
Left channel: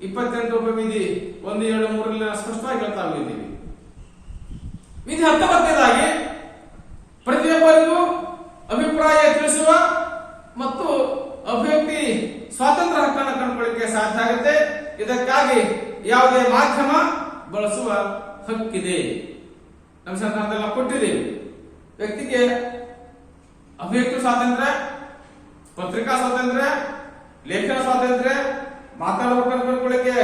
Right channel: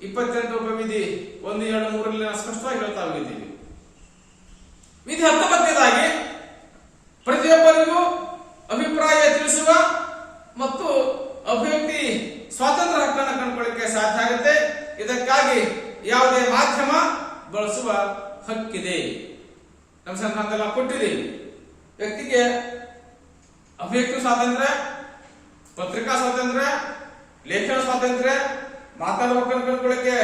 28 ಉಪವಿಧಿ 1, 2, 3 ಸ್ಪಷ್ಟವಾಗಿ ಹೇಳ್ತಾ ಹೋಗಿದ್ದೀವಿ. ವಿಧಿ 19ನೇದಾಗಿ ಪ್ರತಿಯೊಬ್ಬರಿಗೂ ಅಭಿಪ್ರಾಯ ತಿಳಿಸುವ ಮತ್ತು ಅಭಿವ್ಯಕ್ತಿ ಸ್ವಾತಂತ್ರ್ಯ ಹಕ್ಕನ್ನು ಕಂಡುಕೊಳ್ಳಿಕ್ಕೆ ಸಾಧ್ಯ ಆಗುತ್ತೆ. ಇದಕ್ಕಾಗಿ ಯಾವುದೇ ಮಾಧ್ಯಮ ಬಳಸುವ ಹಕ್ಕಿದೆ. ನಮ್ಮ ಸಂವಿಧಾನದಲ್ಲಿ ನಾವು ಕೊಟ್ಟಿದ್ದೀವಿ. ವ್ಯಕ್ತಿಗೆ ಅಭಿವ್ಯಕ್ತಿ ಸ್ವಾತಂತ್ರ್ಯ, ಪತ್ರಿಕಾ ಸ್ವಾತಂತ್ರ್ಯ, ಲೇಖನ ಸ್ವಾತಂತ್ರ್ಯ, ಮಾತಾಡುವ ಹಕ್ಕನ್ನು ಕಂಡುಕೊಳ್ಳಿಕ್ಕೆ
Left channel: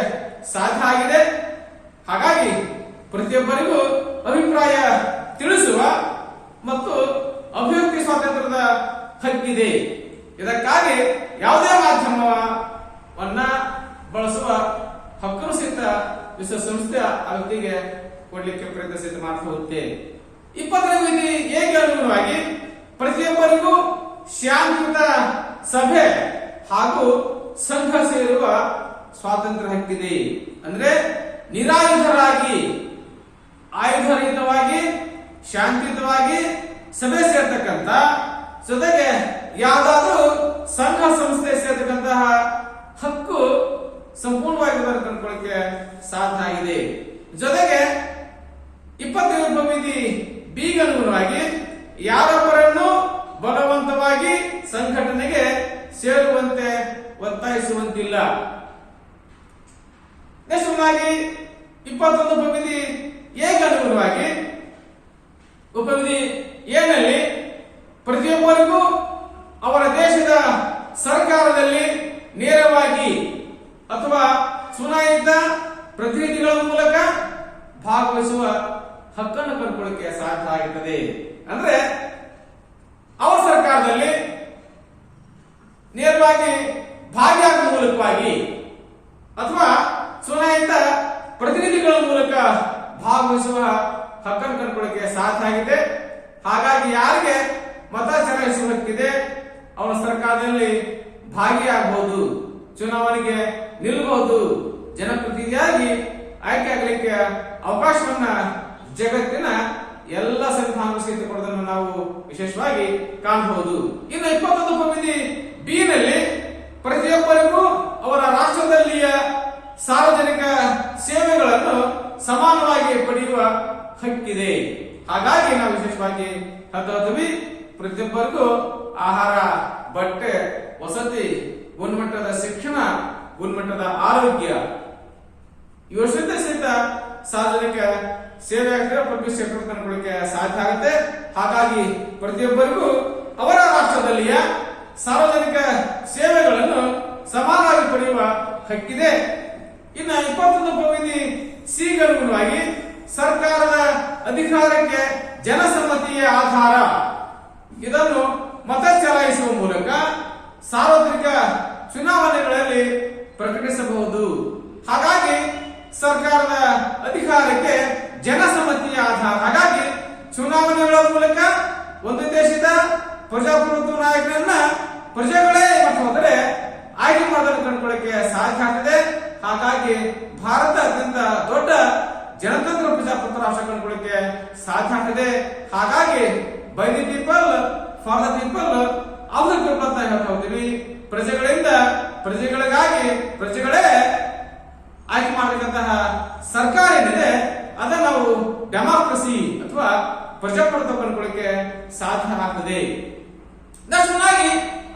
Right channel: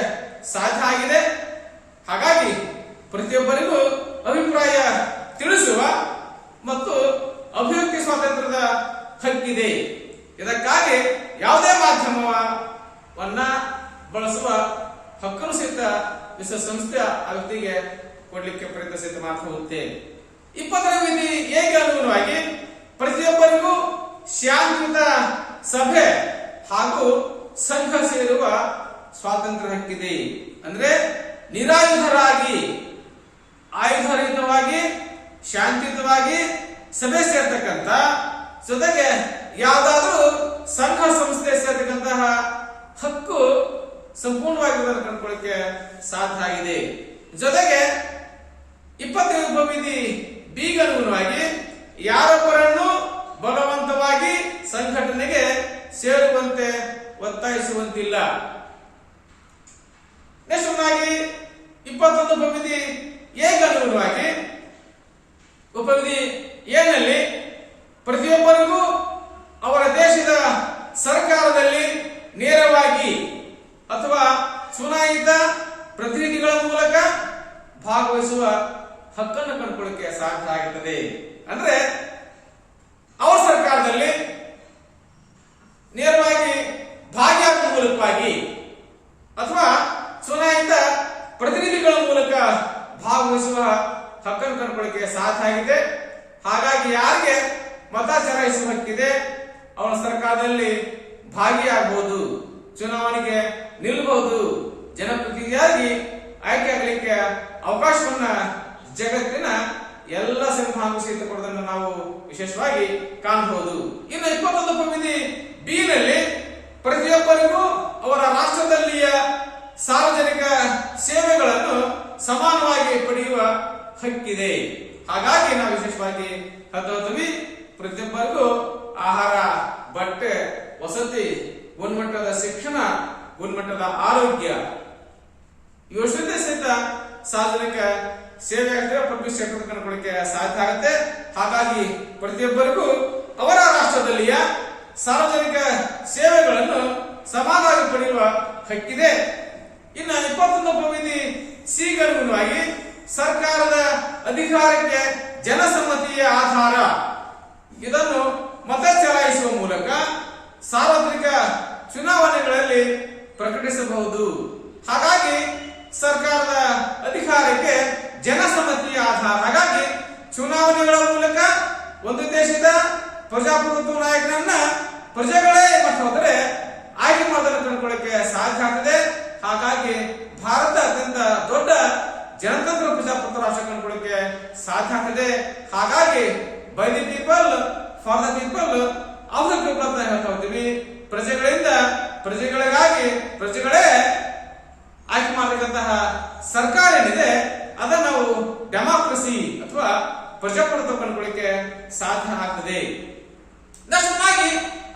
ಸಾಧ್ಯ ಆಗಿದೆ. ಹಾಗಾಗಿ ಪ್ರತಿಯೊಬ್ಬರಿಗೂ ಅಭಿಪ್ರಾಯ ತಿಳಿಸುವ ಮತ್ತು ಅಭಿವ್ಯಕ್ತಿ ಸ್ವಾತಂತ್ರ್ಯದ ಹಕ್ಕಿದೆ. ಇದಕ್ಕಾಗಿ ಯಾವುದೇ ಮಾಧ್ಯಮವನ್ನ ಬಳಸುವ ಹಕ್ಕನ್ನು ಸಹಿತ ವಿಶ್ವಸಂಸ್ಥೆಯ ಆ ವ್ಯಕ್ತಿಗೆ ಕೊಡ್ಲಿಕ್ಕೆ ಪ್ರಯತ್ನ ಸಹಿತ ಮಾಡ್ತಾ ಹೋಗುತ್ತೆ. 20ನೇ ವಿಧಿ ಹೇಗೆ ಅನುಗುಣವಾಗಿ ಪ್ರತಿಯೊಬ್ಬರಿಗೂ ಶಾಂತಿಯುತ ಸಭೆ ಹಾಗೂ ಸಂಘ ಸೇರುವ ಸ್ವಾತಂತ್ರ್ಯ ಹಕ್ಕಿದೆ. ಅಂದ್ರೆ ನಿರಾಯುಧರಾಗಿ, ಆಯುಧರಹಿತವಾಗಿ, ಶಾಂತಿಯುತವಾಗಿ ಸಭೆ ಸೇರ್ತಕ್ಕಂಥ, ಜೊತೆಗೆ ಯಾವುದಾದ್ರೂ ಸಂಘ ಸಂಸ್ಥೆ ಸೇರ್ತಕ್ಕಂತಹ ಹಕ್ಕು ಸಂಪೂರ್ಣವಾಗಿ ಕಂಡುಕೊಳ್ಳಿಕ್ಕೆ ಸಾಧ್ಯ ಆಗಿದೆ. ಜೊತೆಗೆ 20ನೇ ಉಪವಿಧಿ ಬಿಗೆ ಅನುಗುಣವಾಗಿ ಯಾರೊಬ್ಬರನ್ನು ಬಲವಂತವಾಗಿ ಸಂಘಟನೆಗೆ ಸೇರುವಂತೆ ಒತ್ತಾಯಿಸುವಂತಿಲ್ಲ. ನೆಕ್ಸ್ಟ್ 21 ಉಪವಿಧಿ ಹೇಗೆ ಅನುಗುಣವಾಗಿ ಉಪವಿಧಿ ಏನಲ್ಲಿ ಪ್ರತಿಯೊಬ್ಬರಿಗೂ ಅವರ ದೇಶದ ಸರ್ಕಾರದಲ್ಲಿ ನೇರವಾಗಿ ಅಥವಾ ಚುನಾಯಿತ ಪ್ರತಿನಿಧಿಗಳ ಮೂಲಕ ಭಾಗವಹಿಸುವ ಹಕ್ಕನ್ನು ಕಂಡುಕೊಳ್ಳಿಕ್ಕೆ ಸಾಧ್ಯ ಆಗುತ್ತದೆ. ಅಂದ್ರೆ ಅವರ ಸರ್ಕಾರದಲ್ಲಿ ನೇರವಾಗಿ ಭಾಗಿಯಾಗುವ ಮೂಲಕವಾಗಿ ಅಥವಾ ಚುನಾಯಿತ ಪ್ರತಿನಿಧಿಗಳ ಮೂಲಕ ಭಾಗವಹಿಸುವ ಹಕ್ಕನ್ನು ಕಂಡುಕೊಳ್ಳಿಕ್ಕೆ ಸಾಧ್ಯ ಆಗಿದೆ. ಹಾಗಾಗಿ ಯಾರಿಗೆ ಮತ ಚಲಾಯಿಸುವ ಹಕ್ಕಿದೆ ಅವನ ಸರ್ಕಾರದಲ್ಲಿ ಭಾಗಿಯಾಗಬಹುದು, ಚುನಾವಣೆಗೆ ನಿಲ್ಲಬಹುದು, ಜನಪ್ರತಿನಿಧಿಯಾಗಿ ಆಯ್ಕೆ ಆಗಲಿಕ್ಕೆ ಅವಕಾಶವನ್ನ ಜಗತ್ತಿನ ಎಲ್ಲ ಸಂವಿಧಾನ ಸಹಿತ ಕೊಡೋದನ್ನು ನಾವು ವಿಶೇಷವಾಗಿ ಕಾಣಬಹುದು. ಇನ್ನು 21 ಉಪವಿಧಿ ಬಿ ನಲ್ಲಿ ಪ್ರತಿಯೊಬ್ಬರಿಗೂ ಅವರ ರಾಷ್ಟ್ರದಲ್ಲಿಯ ಸಾರ್ವಜನಿಕ ಸೇವೆಗಳನ್ನು ಸಮಾನವಾಗಿ ಪಡೆಯುವ ಹಕ್ಕಿದೆ. ಹಾಗಾಗಿ ನಾವು ವಿಶೇಷವಾಗಿ ಹೇಳ್ತೀವಿ, ಪ್ರತಿಯೊಬ್ಬರಿಗೂ ಆಹಾರ, ಬಟ್ಟೆ, ವಸತಿ, ಗುಣಮಟ್ಟದ ಶಿಕ್ಷಣ, ಗುಣಮಟ್ಟದ ಆರೋಗ್ಯ ಯೋಜನೆ ಸಹಿತ ಸಾರ್ವಜನಿಕ ಸೇವೆ ಆಗ್ತದೆ, ಪಬ್ಲಿಕ್ ಸೆಕ್ಟರ್ ಕಂಡುಕೊಳ್ಳಿಕ್ಕೆ ಸಾಧ್ಯ ಆಗುತ್ತೆ. ಹಾಗಾಗಿ ಪ್ರತಿಯೊಬ್ಬರಿಗೂ ಅವರ ರಾಷ್ಟ್ರದಲ್ಲಿಯ ಸಾರ್ವಜನಿಕ ಸೇವೆಗಳನ್ನು ಸಮಾನವಾಗಿ ಪಡೆಯುವ ಹಕ್ಕಿದೆ. ಇನ್ನು 21 ಉಪವಿಧಿ ಸಿಗೆ ಅನುಗುಣವಾಗಿ ಸರ್ಕಾರದ ಅಧಿಕಾರಕ್ಕೆ ಜನಸಮ್ಮತಿಯ ಆಧಾರ, ಇದನ್ನು ಮತ ಚಲಾಯಿಸುವ ಮೂಲಕ ಸಾರ್ವತ್ರಿಕ ಚುನಾವಣೆಗಳಲ್ಲಿ ಪ್ರಕಟಿಸಬಹುದು. ಹಾಗಾಗಿ ಸರ್ಕಾರದ ಅಧಿಕಾರಕ್ಕೆ ಜನಸಮ್ಮತಿಯ ಆಧಾರ. ಹಾಗಾಗಿ ಚುನಾವಣೆಗಳ ಮೂಲಕ ಒಂದು ದೇಶದ ಪ್ರಜಾಪ್ರಭುತ್ವ ನಾಯಕರನ್ನ ಪ್ರಜೆಗಳೇ ಮತ ಹೋದರೆ ಆಯ್ಕೆ ಮಾಡಲು ಕಂಡುಕೊಳ್ಳಕ್ಕೆ ಸಾಧ್ಯ ಆಗ್ತದೆ. ಹಾಗಾಗಿ ಭಾರತ ಅತ್ಯಂತ ದೊಡ್ಡ ಜನತಂತ್ರ ಪ್ರಜಾಪ್ರಭುತ್ವ ರಾಷ್ಟ್ರ ಕಂಡುಕೊಳ್ಳಕ್ಕೆ ಸಾಧ್ಯ ಆಗ್ತದೆ. ಹಾಗಾಗಿ by the people for the people of the people ಅಂತ ಹೇಳ್ತಾ ಹೋಗ್ತೀವಿ. ಪ್ರಜೆಗಳಿಂದ ಪ್ರಜೆಗಳಿಗಾಗಿ ಪ್ರಜೆಗಳೇ ಆಯ್ಕೆ ಮಾಡತಕ್ಕಂತಹ ಸರ್ಕಾರ ಏನಿದೆ ಅದನ್ನು ನಾವು ಡೆಮಾಕ್ರಸಿ ಅಥವಾ ಪ್ರಜಾಪ್ರಭುತ್ವ ಕಂಡುಕೊಳ್ಳಕ್ಕೆ ಸಾಧ್ಯ ಆಗ್ತದೆ.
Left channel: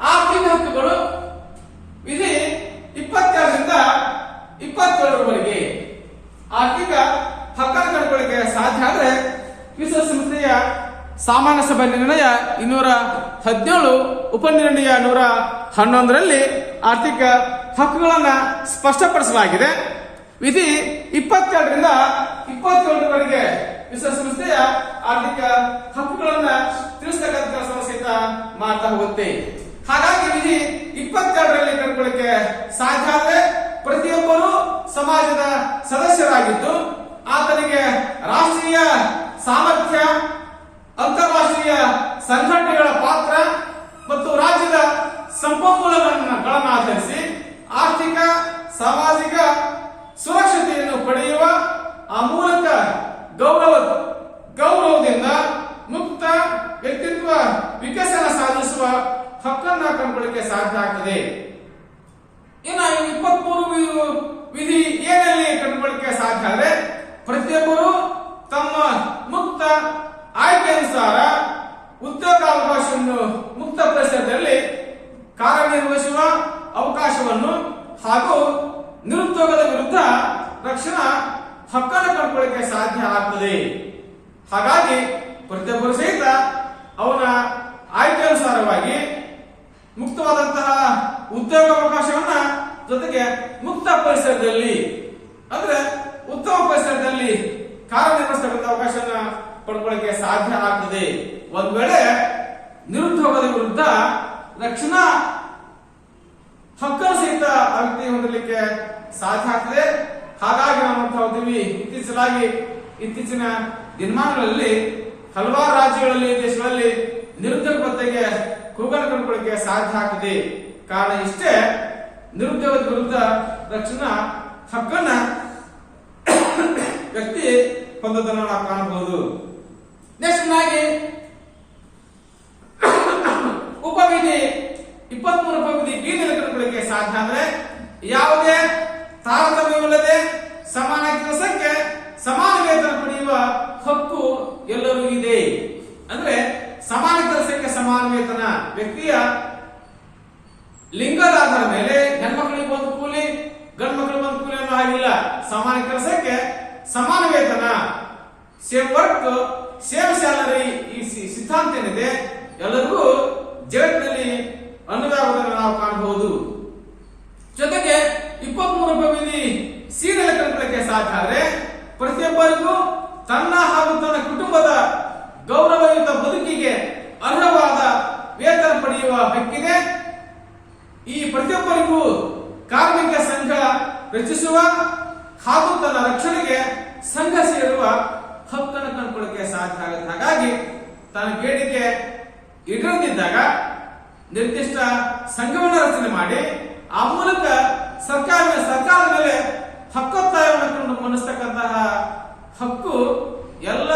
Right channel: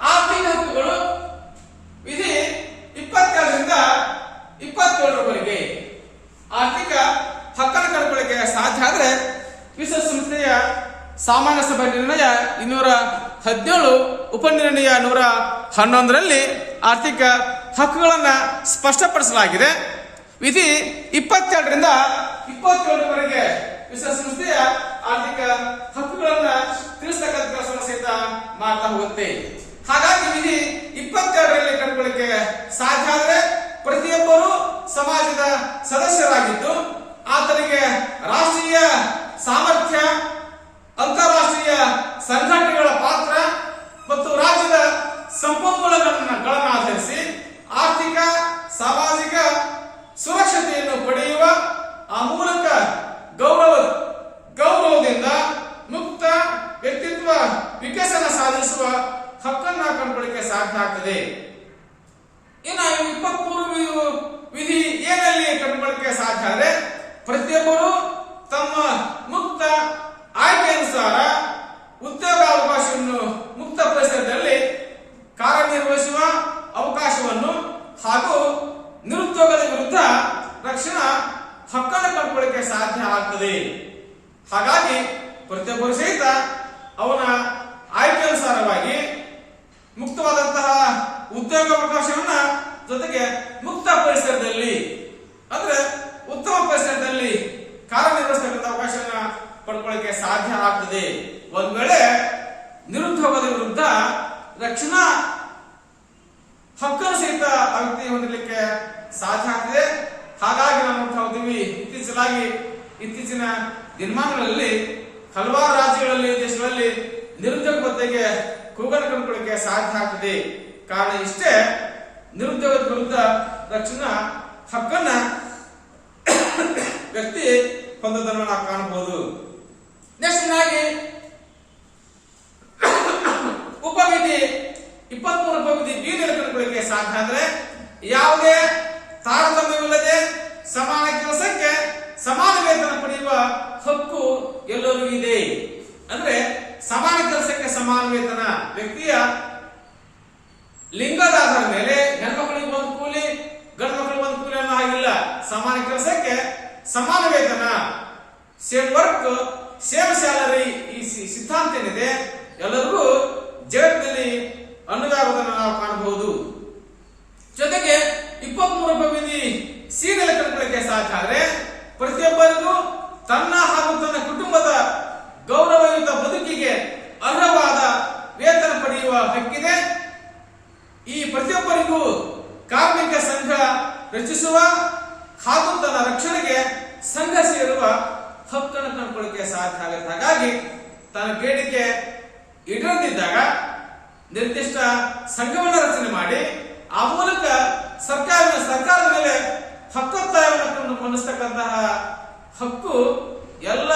ಆರ್ಥಿಕ ಹಕ್ಕುಗಳು ವಿಧಿ 22ರಿಂದ 27ರವರೆಗೆ ಆರ್ಥಿಕ ಹಕ್ಕನ್ನು ಕಂಡುಕೊಳ್ಳಿಕ್ಕೆ ಸಾಧ್ಯ ಆದ್ರೆ ವಿಶ್ವಸಂಸ್ಥೆಯ ಸಾಮಾನ್ಯ ಸಭೆ ನಿರ್ಣಯ 217 ಉಪನಿರ್ಣಯ 111ರಲ್ಲಿ ಆರ್ಥಿಕ ಹಕ್ಕುಗಳನ್ನು ಸ್ಪಷ್ಟಪಡಿಸಲಾಗಿದೆ. ವಿಧಿ 22ರಿಂದ 27ರವರೆಗೆ ವಿಶ್ವಸಂಸ್ಥೆಯ ಆರ್ಥಿಕ ಹಕ್ಕುಗಳನ್ನ ತಿಳಿಸತಕ್ಕಂಥ ಕೆಲಸವನ್ನು ಸಹಿತ ಮಾಡ್ತಾ ಹೋಗುತ್ತೆ. ಹಾಗಾಗಿ ವಿಧಿ 22ರಲ್ಲಿ ಕಂಡುಕೊಳ್ಳಿಕ್ಕೆ ಸಾಧ್ಯ ಆದ್ರೆ ಪ್ರತಿಯೊಬ್ಬರು ಸಮಾಜದ ಸದಸ್ಯರಾಗಿದ್ದು ಆತನಿಗೆ ರಾಷ್ಟ್ರೀಯ ಸಾಮರ್ಥ್ಯ, ಅಂತಾರಾಷ್ಟ್ರೀಯ ಸಂಘಟನೆಗಳ ಪಾತ್ರ ಮತ್ತು ರಾಜ್ಯದ ಸಂಪನ್ಮೂಲಗಳನ್ನು ಆಧರಿಸಿ ಆರ್ಥಿಕ ಸಾಮಾಜಿಕ ಸುರಕ್ಷತೆಯನ್ನು ಪಡೆಯುವ ಆ ಮೂಲಕ ಗೌರವದಿಂದ ಮುಕ್ತ ವ್ಯಕ್ತಿತ್ವ ವಿಕಸನ ಸಾಧಿಸುವ ಹಕ್ಕನ್ನ ಕಂಡುಕೊಳ್ಳಿಕ್ಕೆ ಸಾಧ್ಯ ಆಗ್ತದೆ. ಇನ್ನು 23 ವಿಧಿ ಏನಲ್ಲಿ ಕಂಡುಕೊಳ್ಳಿಕ್ಕೆ ಸಾಧ್ಯ ಆದರೆ ಪ್ರತಿಯೊಬ್ಬರು ತಮ್ಮ ಮುಕ್ತ ಆಯ್ಕೆಯನುಸಾರ ಉದ್ಯೋಗಾವಕಾಶವನ್ನು ಮುಕ್ತ ಪರಿಸರದಲ್ಲಿ ಕಾರ್ಯನಿರ್ವಹಿಸುವ ಅವಕಾಶವನ್ನು ಹಾಗೂ ನಿರುದ್ಯೋಗದ ವಿರುದ್ಧ ರಕ್ಷಣಾ ಹಕ್ಕನ್ನು ಕಂಡುಕೊಳ್ಳಿಕ್ಕೆ ಸಾಧ್ಯ ಆಗ್ತದೆ. ಹಾಗಾಗಿ ಪ್ರತಿಯೊಬ್ಬರು ಸಹಿತ ಅವನ ಆಯ್ಕೆಯನುಸಾರವಾಗಿ ಮುಕ್ತವಾದಂತಹ ಉದ್ಯೋಗಾವಕಾಶವನ್ನ ಜೊತೆಗೆ ಮುಕ್ತ ಪರಿಸರದಲ್ಲಿ ಅಂದ್ರೆ ಉತ್ತಮ ಪರಿಸರದಲ್ಲಿ ಕಾರ್ಯನಿರ್ವಹಿಸತಕ್ಕಂಥ ಅವಕಾಶವನ್ನ ಪಡ್ಕೊಳ್ಳಿಕ್ಕೆ ಸಾಧ್ಯ ಆಗ್ತದೆ. ಒಂದ್ ವೇಳೆ ನಿರುದ್ಯೋಗದ ವಿರುದ್ಧ ರಕ್ಷಣಾ ಹಕ್ಕನ್ನು ಸಹಿತ ಆ ವ್ಯಕ್ತಿ ಹೊಂದಲಿಕ್ಕೆ ಸಾಧ್ಯ ಆಗ್ತದೆ. ಹಾಗಾಗಿ ನಾವು ನೋಡ್ತಾ ಹೋಗ್ತೀವಿ ಇತ್ತೀಚಿನ ದಿನಮಾನಗಳಲ್ಲಿ ಹಲವಾರು ರಾಜ್ಯಗಳಲ್ಲಿ ದೇಶಗಳಲ್ಲಿ ನಿರುದ್ಯೋಗ ಭತ್ಯೆಗೆ ಕೂಗನ್ನು ಕಂಡುಕೊಳ್ಳಿಕ್ಕೆ ಸಾಧ್ಯ ಆಗ್ತದೆ. ಕಾರಣ ಇಷ್ಟೇ, ನಿರುದ್ಯೋಗದ ವಿರುದ್ಧ ರಕ್ಷಣಾ ಹಕ್ಕನ್ನ ವ್ಯಕ್ತಿ ಹೊಂದೋದನ್ನು ನಾವು ಕಾಣಬಹುದು. ನೆಕ್ಸ್ಟ್ ಆಗಿ ಉಪವಿಧಿ 23 ಉಪವಿಧಿ ಬೀದಿಯಲ್ಲಿ ಕಂಡುಕೊಳ್ಳಿಕ್ಕೆ ಸಾಧ್ಯ ಅಂದ್ರೆ ಯಾವುದೇ ತಾರತಮ್ಯವಿಲ್ಲದೆ ಸಮಾನ ಕೆಲಸಕ್ಕೆ ಸಮಾನ ವೇತನ ಪಡೆಯುವ ಹಕ್ಕು ಎಲ್ಲರಿಗೂ ಇದೆ. ಅಂದ್ರೆ ಸಮಾನ ಕೆಲಸಕ್ಕೆ ಸಮಾನ ವೇತನ ವ್ಯಕ್ತಿಯ ಲಿಂಗದ ಆಧಾರದ ಮೇಲೆ ಹೆಣ್ಮಕ್ಳಿಗೆ ಒಂದು ಕೂಲಿ ಗಂಡು ಮಕ್ಕಳಿಗೆ ಒಂದು ಕೂಲಿ ಅನ್ನೋ ಹಾಗಿಲ್ಲ. ಸಮಾನ ಕೆಲಸಕ್ಕೆ ಸಮಾನ ವೇತನ, ಸೇಮ್ ವರ್ಕ್ ಸೇಮ್ ಸ್ಯಾಲರಿ, ಈ ಸಿದ್ಧಾಂತ ಏನಿದೆ ಎಲ್ಲರಿಗೂ ಜಗತ್ತಿನಲ್ಲಿ ಅನ್ವಯವಾಗುವುದನ್ನು ನಾವು ಕಾಣಬಹುದು. ಜೊತೆಗೆ 23 ಉಪವಿಧಿ ಸಿನಲ್ಲಿ ಕಂಡುಕೊಳ್ಳಿಕ್ಕೆ ಸಾಧ್ಯ ಆದರೆ ಪ್ರತಿಯೊಬ್ಬರಿಗೂ ತನ್ನ ಹಾಗೂ ತನ್ನ ಕುಟುಂಬದ ಗೌರವಯುತ ಬದುಕಿಗೆ ಅರ್ಹವಾದ ವೇತನ ಪಡೆಯುವ ಹಕ್ಕಿದೆ. ಈ ಪ್ರತಿಯೊಬ್ಬರಿಗೂ ಕಾರ್ಮಿಕ ಸಂಘ ರಚಿಸುವ ಹಾಗೂ ತನ್ನ ರಕ್ಷಣೆಗೆ ಸಂಘ ಸೇರುವ ಹಕ್ಕನ್ನು ಕಂಡುಕೊಳ್ಳಿಕ್ಕೆ ಸಾಧ್ಯ ಆಗುತ್ತೆ. ಹಾಗಾಗಿ ತನ್ನ ಬೇಡಿಕೆ ಈಡೇರದಿದ್ದಾಗ ನಿರ್ದಿಷ್ಟ ಸಂಘವನ್ನು ರಚನೆ ಮಾಡಿ ಆ ಮೂಲಕ ಸರ್ಕಾರದ ಮೇಲೆ ಹಕ್ಕೊತ್ತಾಯವನ್ನು ಮಂಡಿಸತಕ್ಕಂತಹ ಹಕ್ಕು ಎಲ್ಲ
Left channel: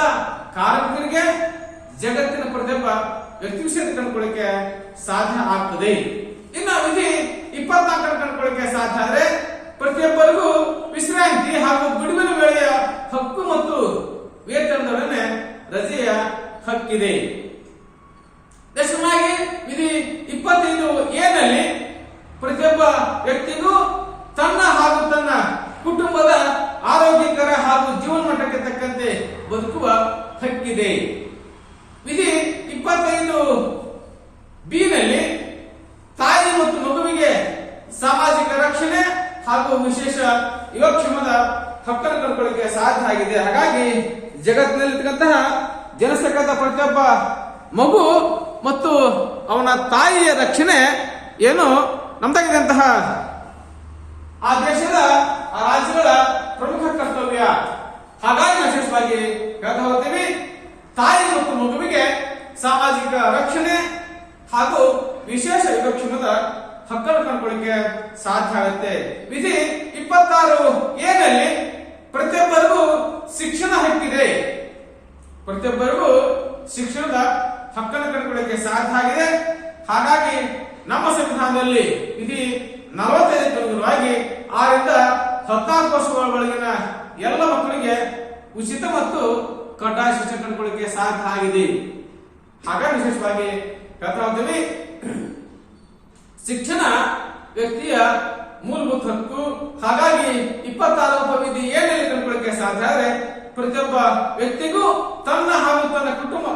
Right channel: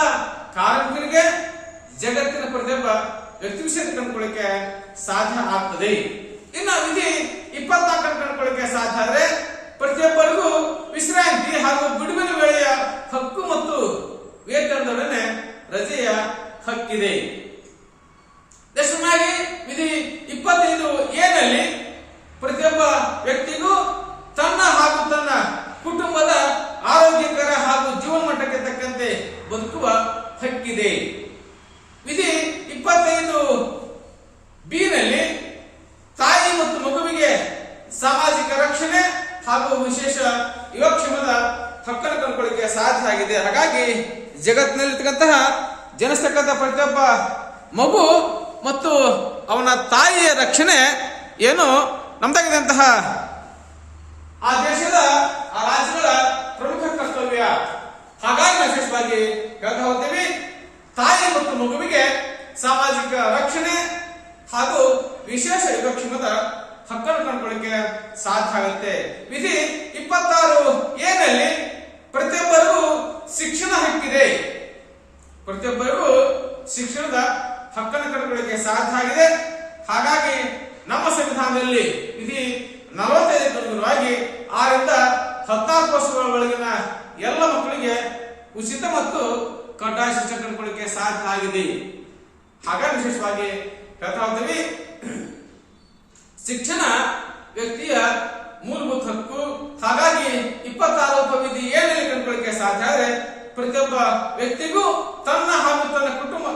ಕಾರ್ಮಿಕರಿಗೆ ಜಗತ್ತಿನ ಪ್ರತಿಯೊಬ್ಬ ವ್ಯಕ್ತಿ ವಿಷಯ ಕಂಡುಕೊಳ್ಳಿಕ್ಕೆ ಸಾಧ್ಯ ಆಗ್ತದೆ. ಇನ್ನು ವಿಧಿ 24 ಕಂಡುಕೊಳ್ಳಿಕ್ಕೆ ಸಾಧ್ಯ ಆದರೆ ಪ್ರತಿಯೊಬ್ಬರಿಗೂ ವಿಶ್ರಾಂತಿ ಹಾಗೂ ಬಿಡುವಿನ ವೇಳೆಯ ಹಕ್ಕು ಮತ್ತು ವೇತನದೊಡನೆ ರಜೆಯ ಹಕ್ಕಿದೆ. ದಶಮಾಗಿ ವಿಧಿ 25 ಏನಲ್ಲಿ ಪ್ರತಿಯೊಬ್ಬ ವ್ಯಕ್ತಿಗೂ ತನ್ನ ಹಾಗೂ ತನ್ನ ಕುಟುಂಬದ ಆರೋಗ್ಯಕರ ಹಾಗೂ ಜೀವನ ಮಟ್ಟಕ್ಕೆ ತಕ್ಕಂತೆ ಬದುಕುವ ಹಕ್ಕಿದೆ. ವಿಧಿ 25 ಬಿ ನಲ್ಲಿ ತಾಯಿ ಮತ್ತು ಮಗುವಿಗೆ ಸಾಮಾಜಿಕ ರಕ್ಷಣೆ ಹಾಗೂ ವಿಶೇಷ ಯೋಗಕ್ಷೇಮದ ಹಕ್ಕನ್ನು ಕಂಡುಕೊಳ್ಳಿಕ್ಕೆ ಸಾಧ್ಯ ಆಗಿದೆ. ಹಾಗಾಗಿ ಜಗತ್ತಿನಲ್ಲಿರ್ತಕ್ಕಂತಹ ಜನಿಸ್ತಕ್ಕಂಥ ಪ್ರತಿಯೊಬ್ಬ ಮಗು ಮತ್ತು ಅವನ ತಾಯಿಯ ರಕ್ಷಣೆ ಏನು ನಮ್ದಾಗಿದ್ದಂತಹ ಆ ದೇಶದ ಆ ರಾಜ್ಯಗಳ ಪ್ರಮುಖ ಕರ್ತವ್ಯ. ಹಾಗಾಗಿ ವಿಶೇಷವಾಗಿ ಹೇಳ್ತಾ ಹೋಗ್ತೀವಿ, ತಾಯಿ ಮತ್ತು ಮಗುವಿಗೆ ಸಾಮಾಜಿಕ ರಕ್ಷಣೆ ಹಾಗೂ ವಿಶೇಷ ಯೋಗಕ್ಷೇಮದ ಹಕ್ಕನ್ನು ಕಂಡುಕೊಳ್ಳಿಕ್ಕೆ ಸಾಧ್ಯ ಆಗುತ್ತೆ. ವಿಧಿ 26 ಏನಲ್ಲಿ ಪ್ರತಿಯೊಬ್ಬರಿಗೂ ಶಿಕ್ಷಣ ಹಕ್ಕಿದೆ. ಪ್ರತಿಯೊಬ್ಬರಿಗೂ ಶಿಕ್ಷಣದ ಹಕ್ಕನ್ನು ಕಂಡುಕೊಳ್ಳಿಕ್ಕೆ ಸಾಧ್ಯ ಆಗಿದೆ. ಹಾಗಾಗಿ ನಮ್ಮ ಸಂವಿಧಾನದಲ್ಲಿ ವಿಧಿ 45 ಅನುಗುಣವಾಗಿ 6 ರಿಂದ 14 ವರ್ಷಗಳ ಒಳಗಿನ ಎಲ್ಲ ಮಕ್ಕಳಿಗೆ ಉಚಿತ ಮತ್ತು ಕಡ್ಡಾಯ ಶಿಕ್ಷಣ ಕಂಡುಕೊಳ್ಳಿಕ್ಕೆ ಸಾಧ್ಯ ಆಗಿದೆ. ಹಾಗಾಗಿ ವಿಶೇಷವಾಗಿ ಹೇಳ್ತಾ ಹೋಗ್ತೀವಿ, ಶಿಕ್ಷಣ ವ್ಯಕ್ತಿಯ ಮೂಲಭೂತ ಹಕ್ಕು. ಹಾಗಾಗಿ 26 ಉಪವಿಧಿ ಏನಲ್ಲಿ ಕಂಡುಕೊಳ್ಳಕ್ಕೆ ಸಾಧ್ಯ ಆದರೆ ಪ್ರತಿಯೊಬ್ಬ ವ್ಯಕ್ತಿಗೂ ತನ್ನ ಹಾಗೂ ತನ್ನ ಕುಟುಂಬ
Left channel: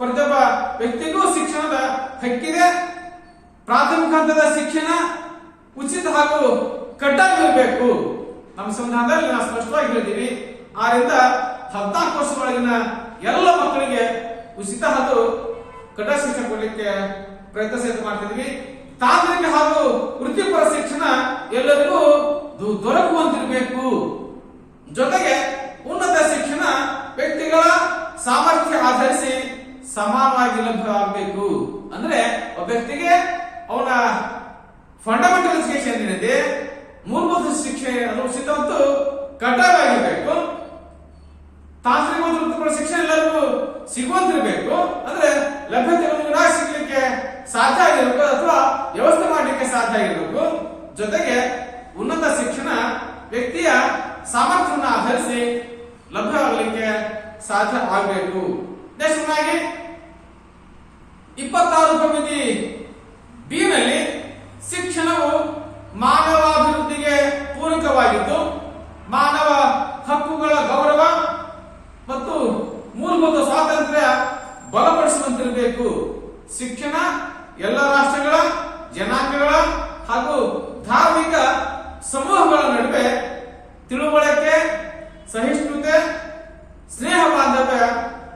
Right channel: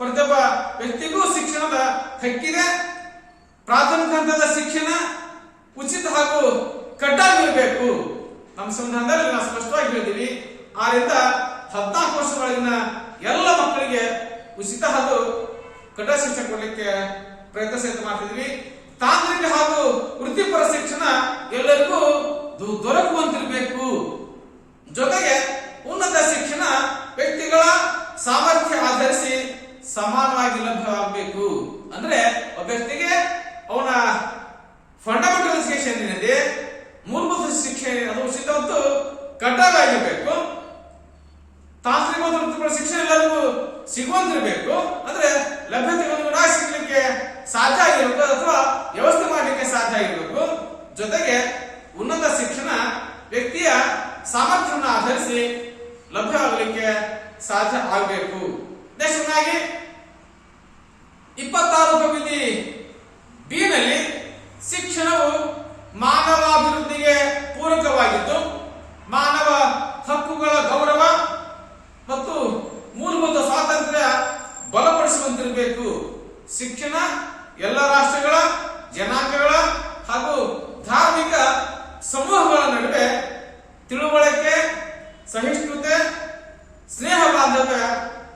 ಪ್ರತಿಯೊಬ್ಬ ವ್ಯಕ್ತಿಗೂ ಶಿಕ್ಷಣದ ಹಕ್ಕಿದೆ. ಪ್ರಾಥಮಿಕ ಹಂತದ ಶಿಕ್ಷಣ ಉಚಿತ ಹಾಗೂ ಕಡ್ಡಾಯವಿರಬೇಕು. ನಮ್ಮ ಸಂವಿಧಾನದಲ್ಲಿ ನಾವು ಸ್ಪಷ್ಟವಾಗಿ ಹೇಳಿದ್ದೀವಿ, 6ರಿಂದ 14 ವರ್ಷದೊಳಗಿನ ಎಲ್ಲ ಮಕ್ಕಳಿಗೆ ಉಚಿತ ಹಾಗೂ ಕಡ್ಡಾಯ ಶಿಕ್ಷಣ ಕೊಡಲಿಕ್ಕೆ ಪ್ರಯತ್ನ ಸಹಿತ ಮಾಡ್ತಿದ್ವಿ. ತಾಂತ್ರಿಕ ಹಾಗೂ ವೃತ್ತಿಪರ ಶಿಕ್ಷಣ ಎಲ್ಲರಿಗೂ ದೊರಕುವಂತಿರಬೇಕು. ಜೊತೆಗೆ ಉನ್ನತ ಶಿಕ್ಷಣ ವ್ಯಕ್ತಿಗಳ ಸಾಮರ್ಥ್ಯ ಆಧರಿಸಿ ಸಮಾನವಾಗಿ ಲಭ್ಯವಾಗಬೇಕು. ಅಂದ್ರೆ ಒಬ್ಬ ವ್ಯಕ್ತಿಗೆ ಅವನ ಫಂಡಮೆಂಟಲ್ ಎಜುಕೇಶನ್ ಏನಿದೆ, ಮೂಲಭೂತ ಶಿಕ್ಷೆ ಅದು ಉಚಿತ ಮತ್ತು ಕಡ್ಡಾಯವಾಗಿರಬೇಕು. ತಾಂತ್ರಿಕ ಮತ್ತು ವೃತ್ತಿಪರ ಶಿಕ್ಷಣ ಎಲ್ಲರಿಗೂ ಸಿಗುವಂತಿರಬೇಕು. ಅಂದ್ರೆ ಲಭ್ಯತೆ ಸಿಗ್ಲಿಕ್ಕೆ ಸಾಧ್ಯ ಆಗಿರಬೇಕು ಅಥವಾ ವ್ಯವಸ್ಥೆ ಮಾಡಲಿಕ್ಕೆ ಸಾಧ್ಯ ಆಗಿರಬೇಕು. ಜೊತೆಗೆ ಉನ್ನತ ಶಿಕ್ಷಣ ವ್ಯಕ್ತಿಯ ಸಾಮರ್ಥ್ಯವನ್ನು ಆಧರಿಸಿ ಲಭ್ಯವಾಗಲಿಕ್ಕೆ ಸಾಧ್ಯ ಆಗಬೇಕು. ನೆಕ್ಸ್ಟ್ನಾಗಿ 26 ಉಪವಿಧಿ ಬಿ ನಲ್ಲಿ ಶಿಕ್ಷಣವು ಮಾನವಾಭಿವೃದ್ಧಿಗೆ ಪೂರಕವಾಗಿದ್ದು ಮಾನವ ಹಕ್ಕುಗಳ ಗೌರವ ಮತ್ತು ಮೂಲಭೂತ ಸ್ವಾತಂತ್ರ್ಯ ಬಲಪಡಿಸುವಂತಿರಬೇಕು. ಶಿಕ್ಷಣ ಎಲ್ಲ ರಾಷ್ಟ್ರಗಳ, ಜನಾಂಗಗಳ ಹಾಗೂ ಧಾರ್ಮಿಕ ಸಮೂಹಗಳ ನಡುವೆ ತಿಳುವಳಿಕೆ, ಸಹಿಷ್ಣುತೆ, ಸ್ನೇಹ ಬಾಂಧವ್ಯ